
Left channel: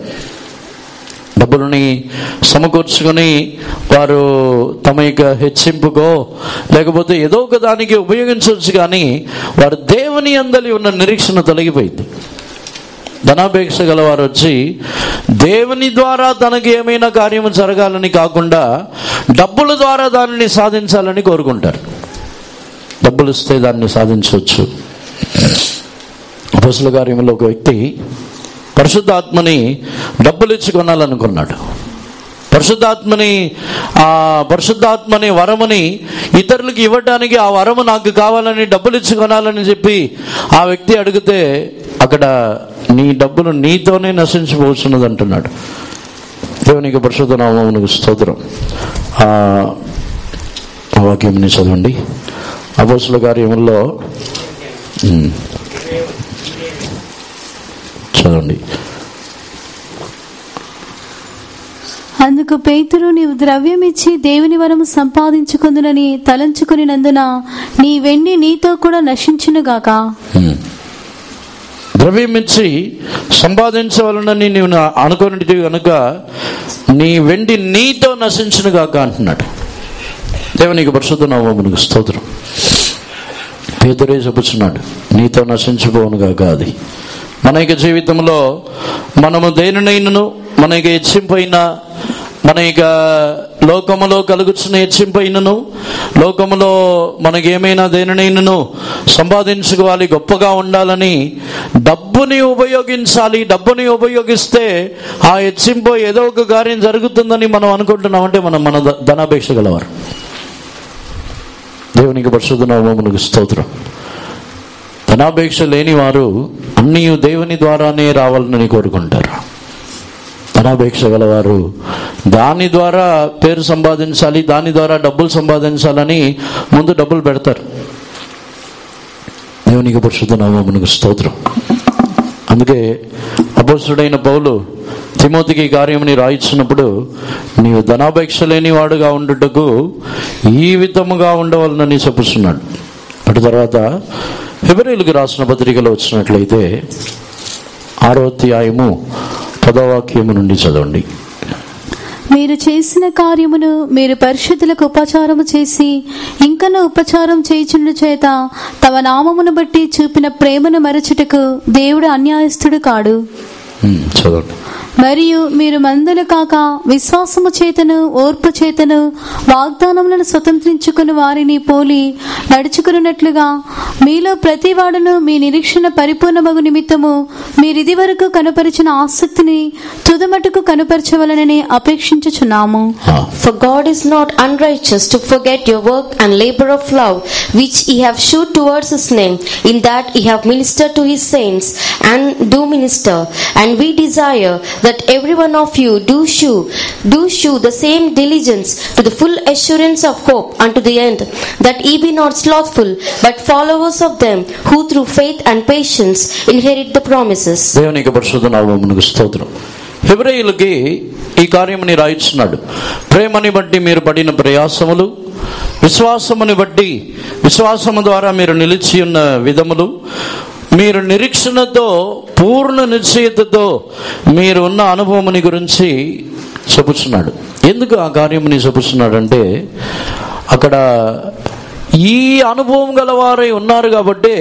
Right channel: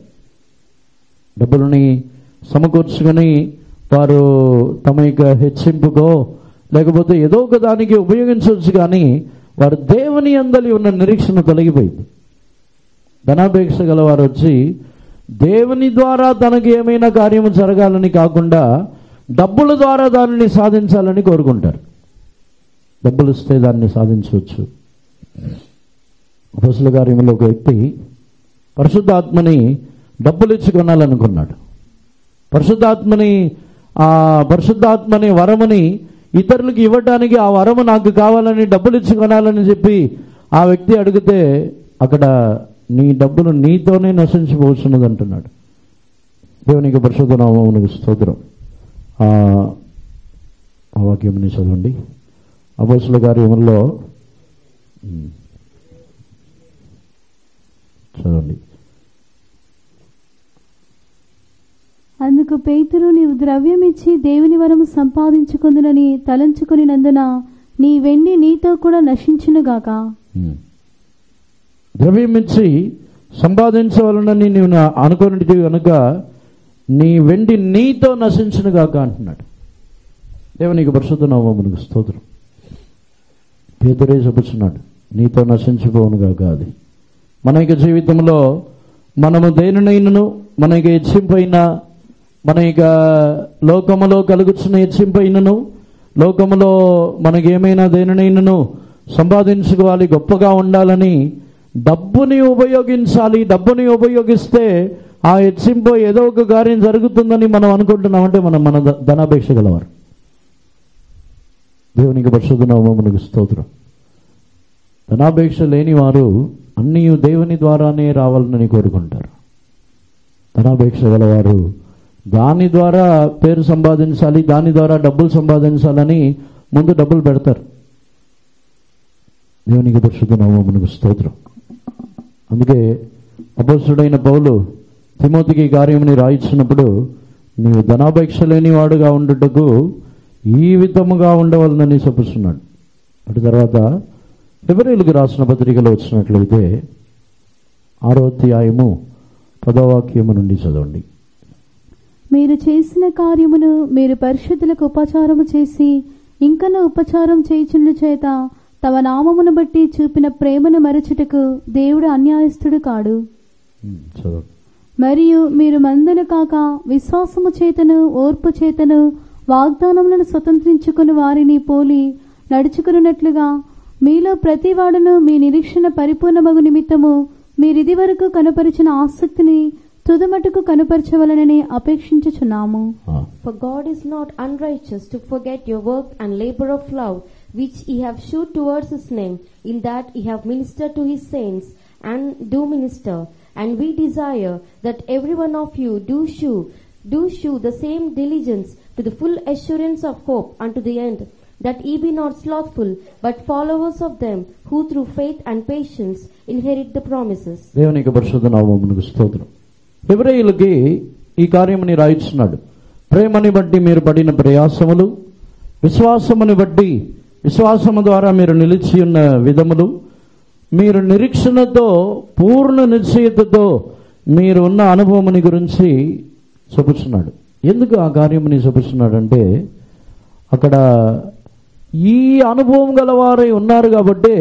డబ్బులని సమకూర్చుకొని వారు తమ యొక్క హెచ్చింపుకో లేకపోతే ఏదో ఒక దానికి ఉపయోగించవచ్చు, కానీ వారు దేవుని యందలి ఉన్న నిరీక్షణ తొలగిపోయింది. ధనాపేక్ష గలవారు వచ్చి దేవుని ద్వారా తనకి ఏమైనా కార్యము జరగాలని కాకుండా డబ్బుల ద్వారా దానిని సాధించాలని కోరుకుంటారు. డబ్బులు ఇస్తే దాన్ని సాధించవచ్చు. అపొస్తలుల కార్యములో ఒక వ్యక్తి పరిశుద్ధాత్మని డబ్బులు ఇచ్చి కొనాలనుకున్నాడు. పరిశుద్ధాత్మని వరముని ఇతరులకు ఇవ్వడానికి, ఆ వరము నాకు కావాలని డబ్బులు ఇచ్చి కొనాలని చెప్పి ఆ వ్యక్తి అడిగితే అక్కడ నీ డబ్బులు నీతోనే నశించిపోతున్నది అంటున్నాడు. దేవునికి పరిశుద్ధ నామమునకు స్తోత్రం. ఆ వాక్యంని చదవండి. అపొస్తలుల కార్యముల్లో చదవండి. అందుకు పేతురు, నీవు ద్రవ్యం ఇచ్చి దేవుని వరము సంపాదించుకుందునని తలంచుకునినందున నీ వెండి నీతో కూడా నశించునుగాక. ద్రవ్యం ఇచ్చి సంపాదించవలనని నీవు అనుకున్నది కనుక నీ వెండి నీతో నశించునుగాక అంటున్నాడు. దేవునికి పరిశుద్ధ నామమునకు స్తోత్రం. పేతురే చెప్పుచున్నాడు, నీతో నశించిపోవునుగాక. అది మన యొక్క జీవితంలో మనము దేనినైనను, మన యొక్క హెచ్చింపైన, మన యొక్క లోకములో కలుగుతున్న హెచ్చింపైనను, లోకములో మనకి ఏమైనా దేనినైనను సంపాదించుకోవాలి, గొప్పగా ఉండాలని డబ్బుని ఉపయోగించాలి. డబ్బుని ఉపయోగిస్తే ఆ హెచ్చింపు ఏదో ఒక కార్యం జరుగుతుందని మనం అనుకుంటున్నామంటే మన ధనాపేక్ష గలవారు. దేవునికి పరిశుద్ధ నామమునకు స్తోత్రం. ధనాపేక్ష లేని వారు అన్నీ దేవుని ద్వారానే రావాలని కోరుకుంటారు. ధనాపేక్ష గలవారు దాని ద్వారా పేరు సంపాదించాలి, దాని ద్వారా డబ్బులు సంపాదించాలని ముందు డబ్బులు పెడతారు. దేవునికి పరిశుద్ధ నామమునకు స్తోత్రం. అందుకే అపోస్తలుడైన పౌలు తిమోతికి ఈ కార్యముని రాయించినప్పుడు, నీవు ధనాపేక్ష లేని వాడుగా ఉండుటకు ఈ విధముగా ఉండవాలని చెప్పుతున్నాడు. అటు తర్వాత హెబ్రీయులకు రాసిన పత్రికలో వచ్చినట్లయితే 6వ అధ్యాయము 10వ వాక్యము నుండి చదవండి. మీరు చేసిన కార్యమును మీరు పరిశుద్ధులకు ఉపచారము చేసి ఇంకనూ ఉపచారం చేయుచుండు చేత తమ నామమును బట్టి చూపిన ప్రేమను మరచుటకు దేవుడు అన్యాయస్థుడు కాడు. చదవండి. మరియు మీరు మందులు కాక విశ్వాసము చేతను ఓర్పు చేతను వాగ్దానములను స్వతంత్రించుకుని వారిని పోలి నడుచుకున్నట్లుగా మీలో ప్రతివాడును మీ నిరీక్షణ పరిపూర్ణమగు నిమిత్తము మీరిది వరకు కనుపరిచిన ఆసక్తిని తుదమటుకు కనుపరచవలనని అపేక్షించుచున్నాము. For God is not unrighteous to forget your work and labor of love which ye have shewed towards his name, in that ye have ministered to his saints and do minister. And we desire that every one of you do shew the same diligence to the full assurance of hope unto the end, that ye be not slothful but followers of them who through faith and patience inherit the promises. దేవునికి పరిశుద్ధ నామమునకు స్తోత్రం. హెబ్రీయులకి ఈ కార్యముని రాయించున్నాడు. ప్రేమని బట్టి మీరు పడిన ప్రయాసములు, విశ్వాసముని బట్టి విశ్వాసము ద్వారా మీరు నిలిచి ఉన్న విధములు, మీరు నిరీక్షణతో పూర్ణ నిశ్చయతతో మీరు ఉన్న అనుభవముని గురించి చెప్పుచున్నాడు. ఎందుకు ఆ కార్యముని చెప్పుచున్నాడంటే, అక్కడ ఈ అనుభవం గలవారై ఉన్నారు కాబట్టి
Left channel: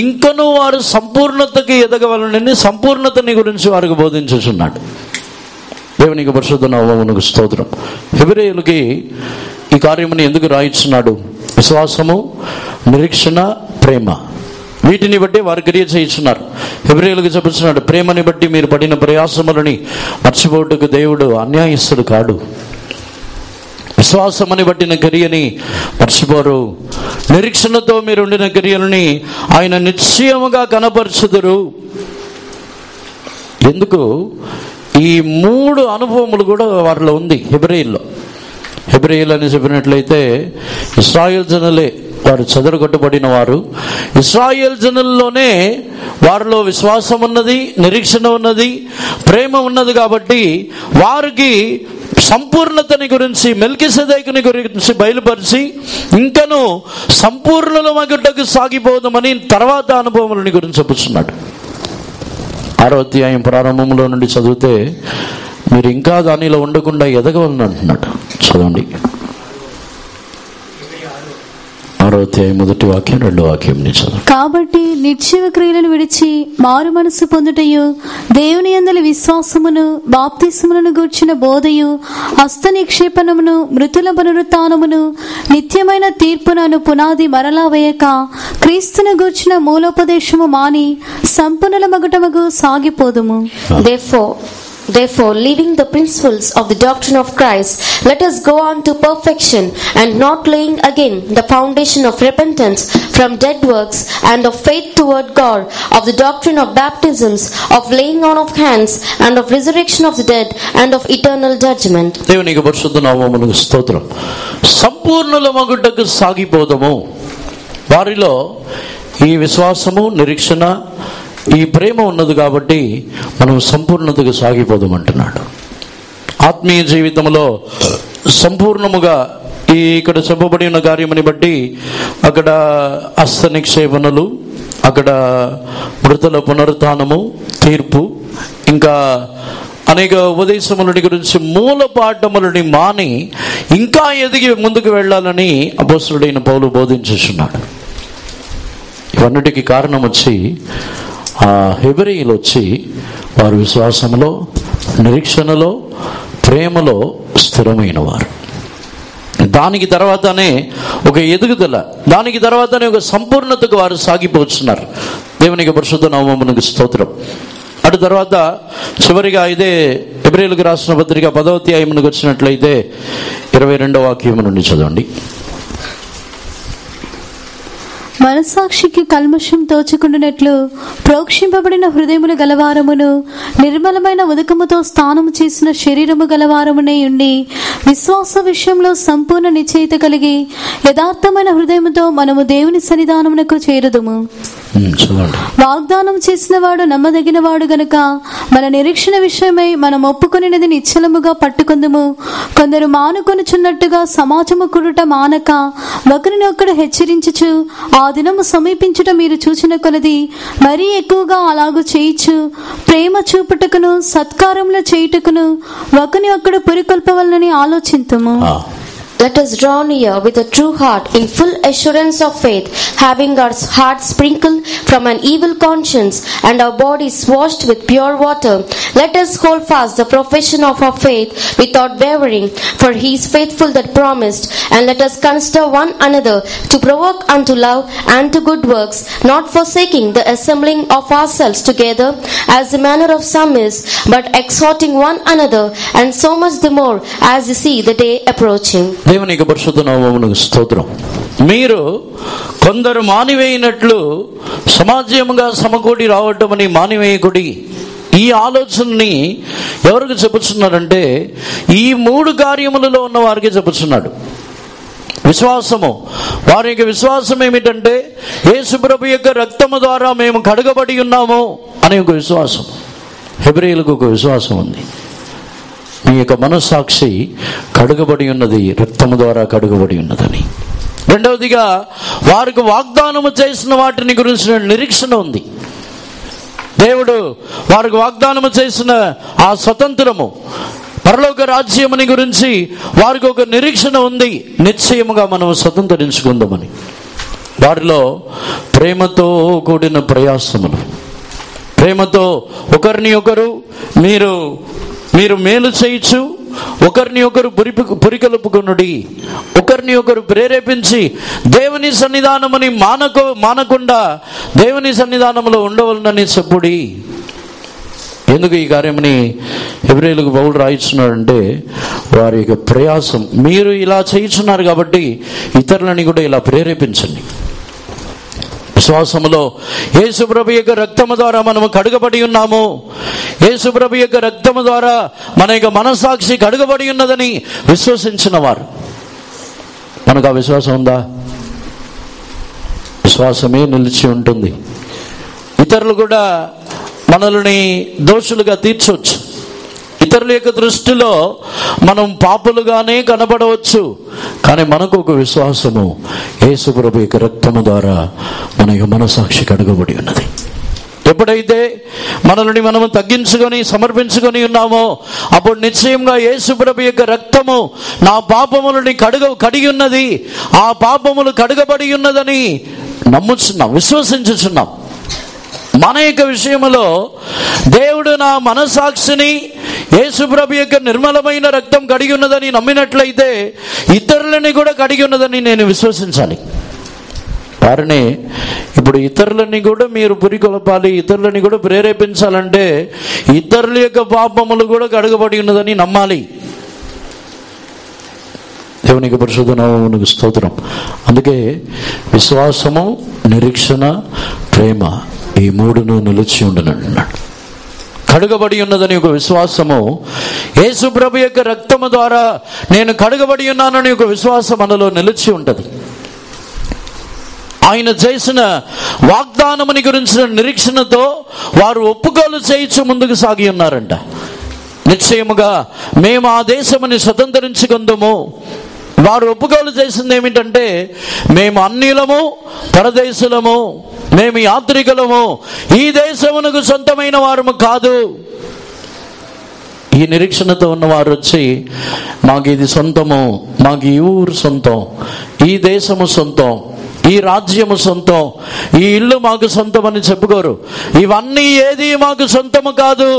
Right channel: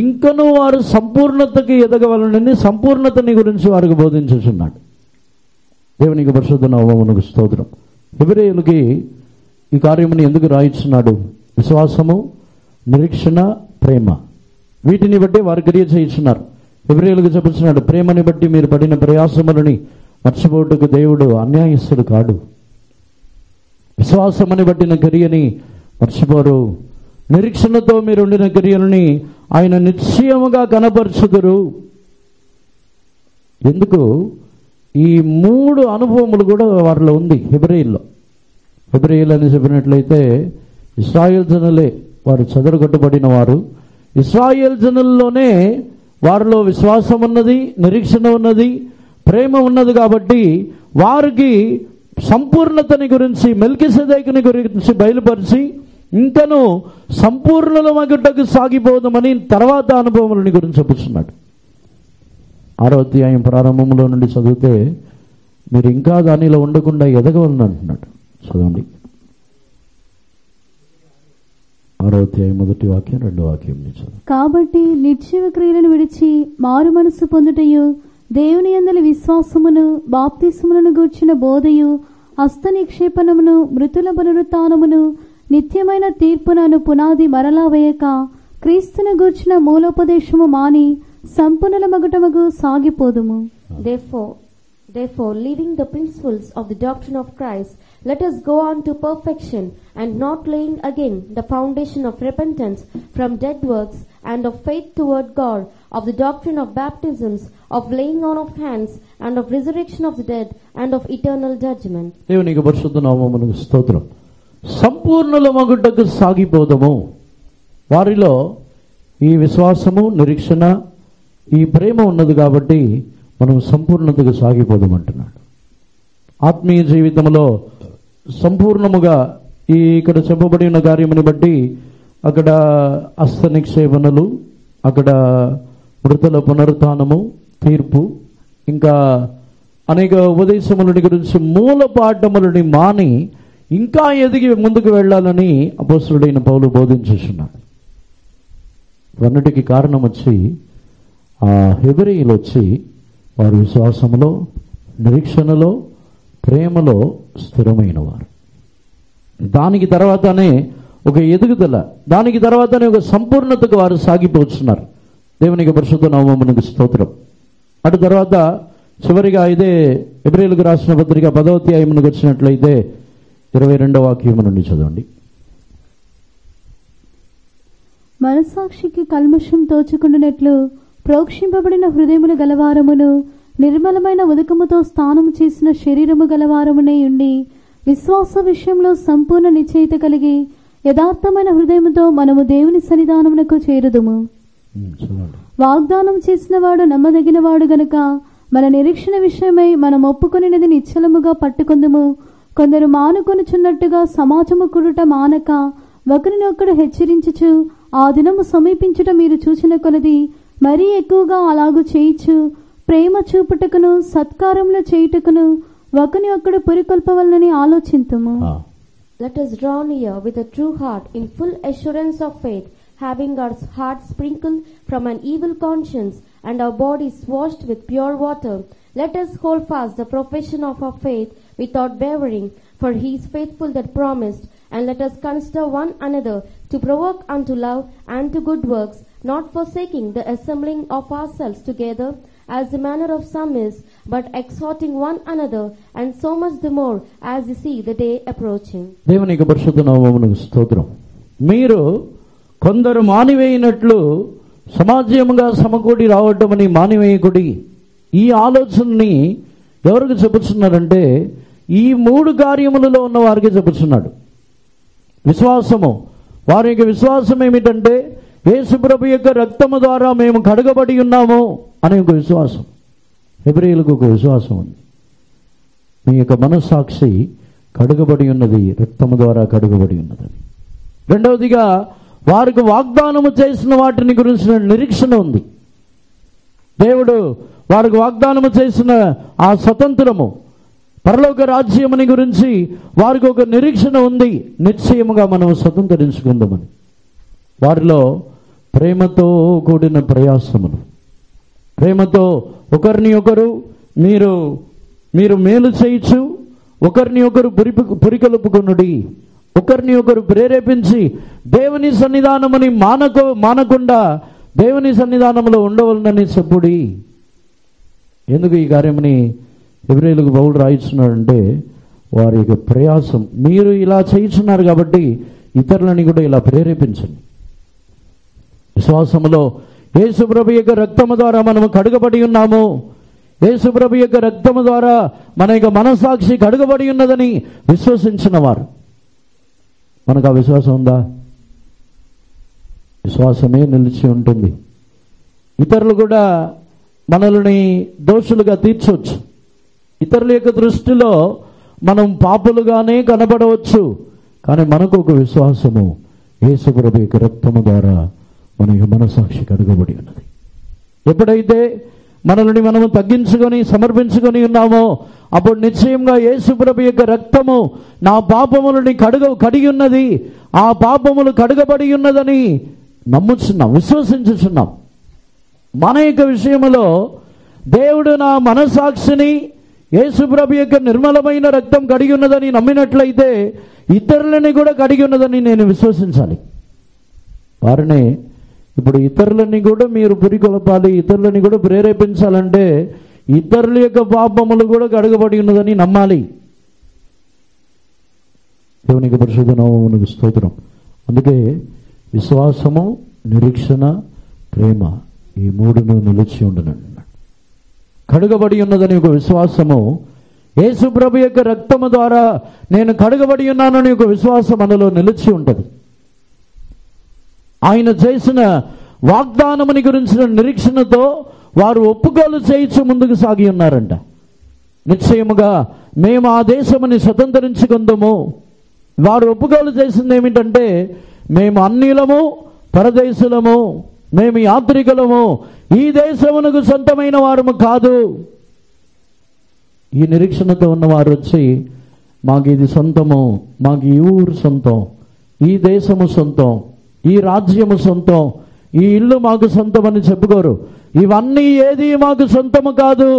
ఇంకనూ వారు సంపూర్ణతకి ఎదగవలనని సంపూర్ణతని గురించి వారికి బోధించుచున్నాడు. దేవునికి పరిశుద్ధ నామమునకు స్తోత్రం. హెబ్రీయులకి ఈ కార్యముని ఎందుకు రాయించున్నాడు? విశ్వాసము, నిరీక్షణ, ప్రేమ, వీటిని బట్టి వారు క్రియ చేయించున్నారు. హెబ్రీయులకు చెప్పుచున్నాడు, ప్రేమని బట్టి మీరు పడిన ప్రయాసములని మర్చిపోటుకు దేవుడు అన్యాయస్తుడు కాడు. విశ్వాసమని బట్టిన క్రియని మర్చిపోరు. నిరీక్షణతో మీరు ఉండిన క్రియలని ఆయన నిశ్చయముగా కనపరచుదురు. ఎందుకు? ఈ 3 అనుభవములు కూడా వారిలో ఉంది హెబ్రీయుల్లో. హెబ్రీయులు అని చెప్పినట్లయితే ఇశ్రాయేల్ జనులే, వారు చెదరగొట్టబడిన వారు. ఇశ్రాయేల్ జనుల్లోనే వారిలో విశ్వాసం ఉన్నది, నిరీక్షణ ఉన్నది, ప్రేమ ఉన్నది. కాబట్టి వారికి సంపూర్ణతని గురించి, మెల్కీసెదెకుని గురించి బయలుపరిచి ఇంకను సంపూర్ణులమగుటకు సాగిపోదామని తర్వాత అనుభవములని గురించి చెప్పుచున్నాడు. 6వ అధ్యాయం ప్రారంభంలో నుండి చదివితే మీరు ఇంకా దానిలో ఉండకుండా ఎదగవాలని అంటున్నాడు. చదవండి. 6వ అధ్యాయం 1వ వాక్యం 2వ వాక్యం చదవండి. కాబట్టి నిర్జీవ క్రియలను విడిచి మారు మనసు పొందుటయు, దేవుని యందలి విశ్వాసమును, బాప్తిస్మములను గూర్చిన బోధయు, హస్త నిక్షేపణమును, మృతుల పునరుత్థానమును, నిత్యమైన తీర్పునను పునాది మరలా వేయక క్రీస్తును గూర్చిన మూలోపదేశము మాని సంపూర్ణుల మగుటమగు సాగిపోదుము. Therefore, leaving the principles of the doctrine of Christ, let us go on to perfection, and not laying again the foundation of repentance from dead works and of faith toward God, of the doctrine of baptisms, of laying on of hands, and of resurrection of the dead, and of eternal judgment. దేవునికి పరిశుద్ధ నామమునకు స్తోత్రం. సంపూర్ణులమగుటకు సాగిపోదము. వారిలో ఈ విశ్వాసము, నిరీక్షణ, ఈ ప్రేమ ఉన్నది కాబట్టి మనం సంపూర్ణతకు సాగిపోదామంటున్నాడు. ఆత్మీయ జీవితంలో సంపూర్ణముగా ఇక్కడ చెప్పబడిన కార్యముని బట్టి అక్కడ హస్త నిక్షేపణలు, అక్కడ మృతుల పునరుత్థానము, తీర్పు, ఇంకా అనేక ఉపదేశములని గురించి మూల పాఠములని మాని ఇంకా ఎదిగి ముందుకు వెళ్ళాలని అపోస్తలుడైన పౌలు బోధించుచున్నాడు. ఇవన్నిటికీ కారణం వచ్చి ఆ హెబ్రీయులు వచ్చి వారు విశ్వాసంలో, నిరీక్షణలో, ప్రేమలో స్థిరమైన వారు. దానికి తర్వాతనే ఒక ఎదుగుదల, దానికి తర్వాతనే ఒక సంపూర్ణతకు వారు సాగిపోతున్నారు. దేవునికి పరిశుద్ధ నామమునకు స్తోత్రం. అటు తర్వాత చివరిగా ఇదే హెబ్రీయులకు రాసిన పత్రిక 10వ అధ్యాయమునకు వచ్చినట్లయితే 22వ వాక్యము నుండి చదవండి. మనస్సాక్షికి కల్మషం తోచుకుంటున్నట్లు ప్రోక్షింపబడిన హృదయములు గలవారమును నిర్మలమైన ఉదకముతో స్నానము చేసిన శరీరము గలవారమునే ఉండి విశ్వాస విషయంలో సంపూర్ణ నిశ్చయిత కలిగి యథార్థమైన హృదయముతో మనము దేవుని సన్నిధానమునకు చేరుదుము. వాగ్దానం చేసిన వాడు నమ్మదగిన వాడు గనుక మన నిరీక్షణ విషయమై మనం ఒప్పుకొనినది నిశ్చలముగా పట్టుకొందుము. కొందరు మానుకొనుచున్నట్టుగా సమాజము కుడుట మానక ఒకరిని ఒకడు హెచ్చరించుచు ఆ దినము సమీపించుట మీరు చూచిన కొలది మరీ ఎక్కువగా అలాగూ చేయిచు ప్రేమ చూపుటకును సత్కారములు చేయుటకును ఒకని ఒకడు పురికొల్పవలనని ఆలోచింతుము. Let us draw near with a true heart in full assurance of faith, having our hearts sprinkled from an evil conscience and our bodies washed with pure water. Let us hold fast the profession of our faith without wavering, for he is faithful that promised. And let us consider one another to provoke unto love and to good works, not forsaking the assembling of ourselves together as the manner of some is, but exhorting one another, and so much the more as you see the day approaching. దేవునికి పరిశుద్ధ నామమునకు స్తోత్రం. మీరు కొందరు మానివేయినట్లు సమాజముగా సమకూడి రావటమని మానివేయకుడి. ఈ ఆలోచనని ఎవరికి చెప్పుచున్నారంటే ఈ 3 కార్యములలో ఉన్న వారికి చెప్పుచున్నాడు. విశ్వాసము, వారి యొక్క విశ్వాసం ఏమిటంటే యేసు ప్రభు యొక్క రక్తము ద్వారా మేము కడగబడి ఉన్నాము అనే ఒక విశ్వాసం. హెబ్రీయులకు ఒక విశ్వాసం ఉంది, మీ యొక్క మనస్సాక్షి కడుగబడి ఉన్నది, రక్తము ద్వారా కడుగబడి ఉన్నదని. రెండవదిగా వారికి వాగ్దానము చేసిన వాటిని గురించిన నిరీక్షణ ఉంది. దేవుడు వారికి వాగ్దానము చేసిన ఆ స్వతంత్రము, పరలోక రాజ్యముని గురించి వారికి ఒక నిరీక్షణ ఉంది. నిశ్చయముగా మనం స్వతంత్రించుకుందామని వారిలో ప్రేమతో కూడిన ప్రయాసములు, ప్రేమతో ఒకరిని ఒకరు మీరు మేలు చేయొచ్చు, ఒకరిని ఒకరు పురికొల్పుకొనుడి, ఒకరిని ఒకరు ప్రేరేపించి దేవుని సన్నిధానముని మానకుండా దేవుని సన్నిధానంలో ఉండవలనని చెప్పుడి. ఎందుకు ఈ కార్యమని హెబ్రీయులకు పౌలు రాయిస్తున్నాడంటే వారి యొక్క ప్రయాసం, మీరు ఇలా చేయించున్నారు కాబట్టి ఇతరులని కూడా ఇలా ప్రేరేపించండి. విశ్వాసములో యేసుప్రభు యొక్క రక్తము ద్వారా మనము కడుగబడి ఉన్నాము. యేసుప్రభు యొక్క రక్తము ద్వారా మన యొక్క మనస్సాక్షి కడుగబడి ఉన్నదని విశ్వసించిన వారు. మనకు ఆ విశ్వాసం ఉందా? విశ్వాసమే నిలిచి ఉంటుంది. ఇతరులు కూడా మనల్ని దోషులుగా తీర్చవచ్చు. ఇతరుల యొక్క దృష్టిలో మనం పాపులుగానే కనబడవచ్చు, కానీ మనకు ఒక విశ్వాసము, యేసు ప్రభు యొక్క రక్తము ద్వారా మన యొక్క మనస్సాక్షి కడుగబడి ఉన్నది. ఎప్పుడైతే మనల్ని మనము తగ్గించుకొని సమర్పించుకొని ఉన్నామో అప్పుడు నిశ్చయంగా యేసు ప్రభు యొక్క రక్తము నా పాపములని కడిగి ఉన్నది, ఆ పాపములు కడుగబడి ఉన్నదని నమ్ముచున్నాం, విశ్వసించుచున్నాం. మన యొక్క విషయంలో దేవుడు నా మనస్సాక్షిని యేసుప్రభు యొక్క నిర్మలమైన రక్తం కడిగి ఉన్నదని నమ్మినట్లయితే ఇతరులని కూడా కడిగి ఉన్నదని నేను విశ్వసించాలి. వారిని ఇప్పుడు ఇతరులని కూడా మీరు పురికొల్పాలి, ఇతరులని కూడా ప్రేరేపించాలంటే ఇతరుల యొక్క పాపములు కూడా కడగబడి ఉన్నదని నమ్మాలి. దేవునికి పరిశుద్ధ నామమునకు స్తోత్రం. అందుకే విశ్వాసము, నిరీక్షణ, ప్రేమ ఈ 3ను నిలిచి ఉండనన్నాడు. కడుగబడి ఉన్నదని ఒక విశ్వాసము, యేసు ప్రభు యొక్క రక్తము ద్వారా నేను కడుగబడి ఉన్నానని ఒక విశ్వాసం మనలో నిలిచి ఉంటుంది. ఆయన చేసిన వాగ్దానముని గురించిన నిరీక్షణతో వారు ఒప్పుకోలు చేయించు ముందుకు సాగి ఉన్నారంట. నిశ్చయముగా మేము ఆ దేశముని స్వతంత్రించుకుందాము. వారు ఒప్పుకోలు చేసింది ఏమిటంటే మేము అన్యులము, పరదేశులము, మేము యాత్రికులము, ఈ దేశమునకు సొంతమైన వారము కాదు. ఈ నిరీక్షణతో ఉన్నవారు వచ్చి మాకు ఇది సొంతము, మాకు ఈ ఊరు సొంతం, ఈ దేశము సొంతం, ఈ రాజ్యము సొంతం, ఈ ఇల్లు మాకు సొంతం అని చెప్పుకోరు. ఇవన్నీ ఏది మాకు సొంతము కాదు,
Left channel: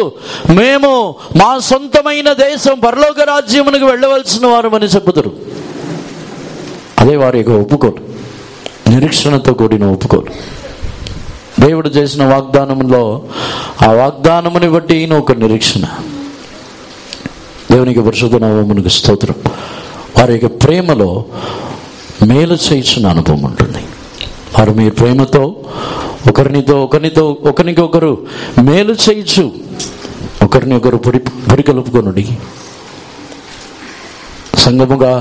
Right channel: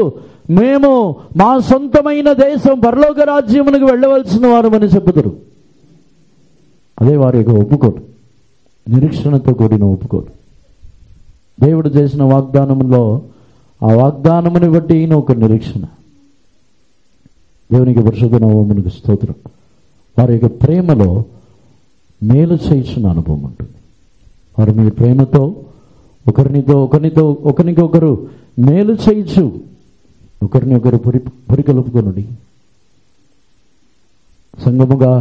మేము మా సొంతమైన దేశం పరలోక రాజ్యమునకు వెళ్ళవలసిన వారమని చెప్పుతారు. అదే వారి యొక్క ఒప్పుకోలు, నిరీక్షణతో కూడిన ఒప్పుకోలు. దేవుడు చేసిన వాగ్దానంలో ఆ వాగ్దానముని బట్టి ఒక నిరీక్షణ. దేవునికి పరిశుద్ధ నామమునకు స్తోత్రం. వారి యొక్క ప్రేమలో మేలు చేయించిన అనుభవం ఉంటుంది. వారు మీ ప్రేమతో ఒకరికొకరు మేలు చేయొచ్చు, ఒకరిని ఒకరు పురికలుపుకొనుడి. సంఘముగా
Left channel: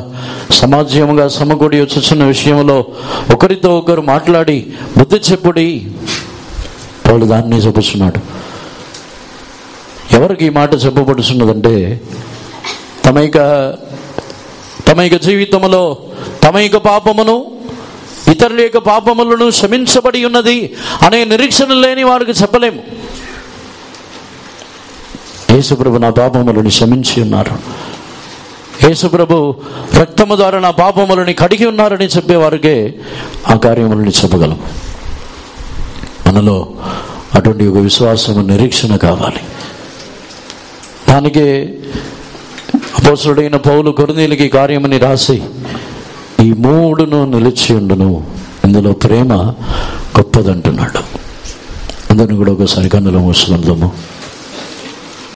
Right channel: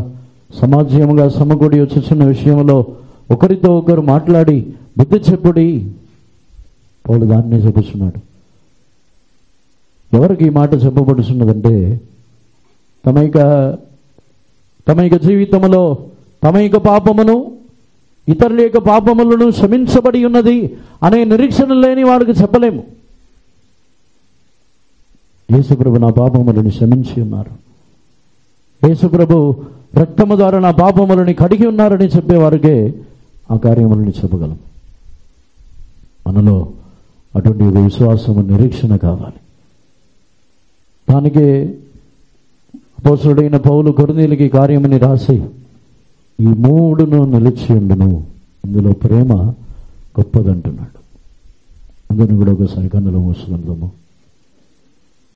సమాజముగా సమకూడి వచ్చుచున్న విషయంలో ఒకరితో ఒకరు మాట్లాడి బుద్ధి చెప్పుడి. పౌలు దాన్ని చెప్పుచున్నాడు. ఎవరికి ఈ మాట చెప్పబడుతున్నదంటే తమ యొక్క జీవితంలో తమ యొక్క పాపమును ఇతరుల యొక్క పాపములను క్షమించబడి ఉన్నది అనే నిరీక్షణ లేని వారికి చెప్పలేము. యేసుప్రభు నా పాపములను క్షమించి ఉన్నారు, యేసుప్రభు రక్తము ద్వారా నా పాపములని కడిగి ఉన్నారని చెప్పేవారికే ఆ కార్యములని చెప్పగలం. మనలో అటువంటి ఒక విశ్వాసము నిరీక్షణ కావాలి. దానికి అపోస్తలుడైన పౌలు కొరింథీయులకి కార్యమని రాసి ఈ మూడును నిలిచి ఉండును, ఇందులో ప్రేమ గొప్పదంటున్నాడు. అందరిని కూడా ఒకసారి కన్నుల మూసుకుందాము.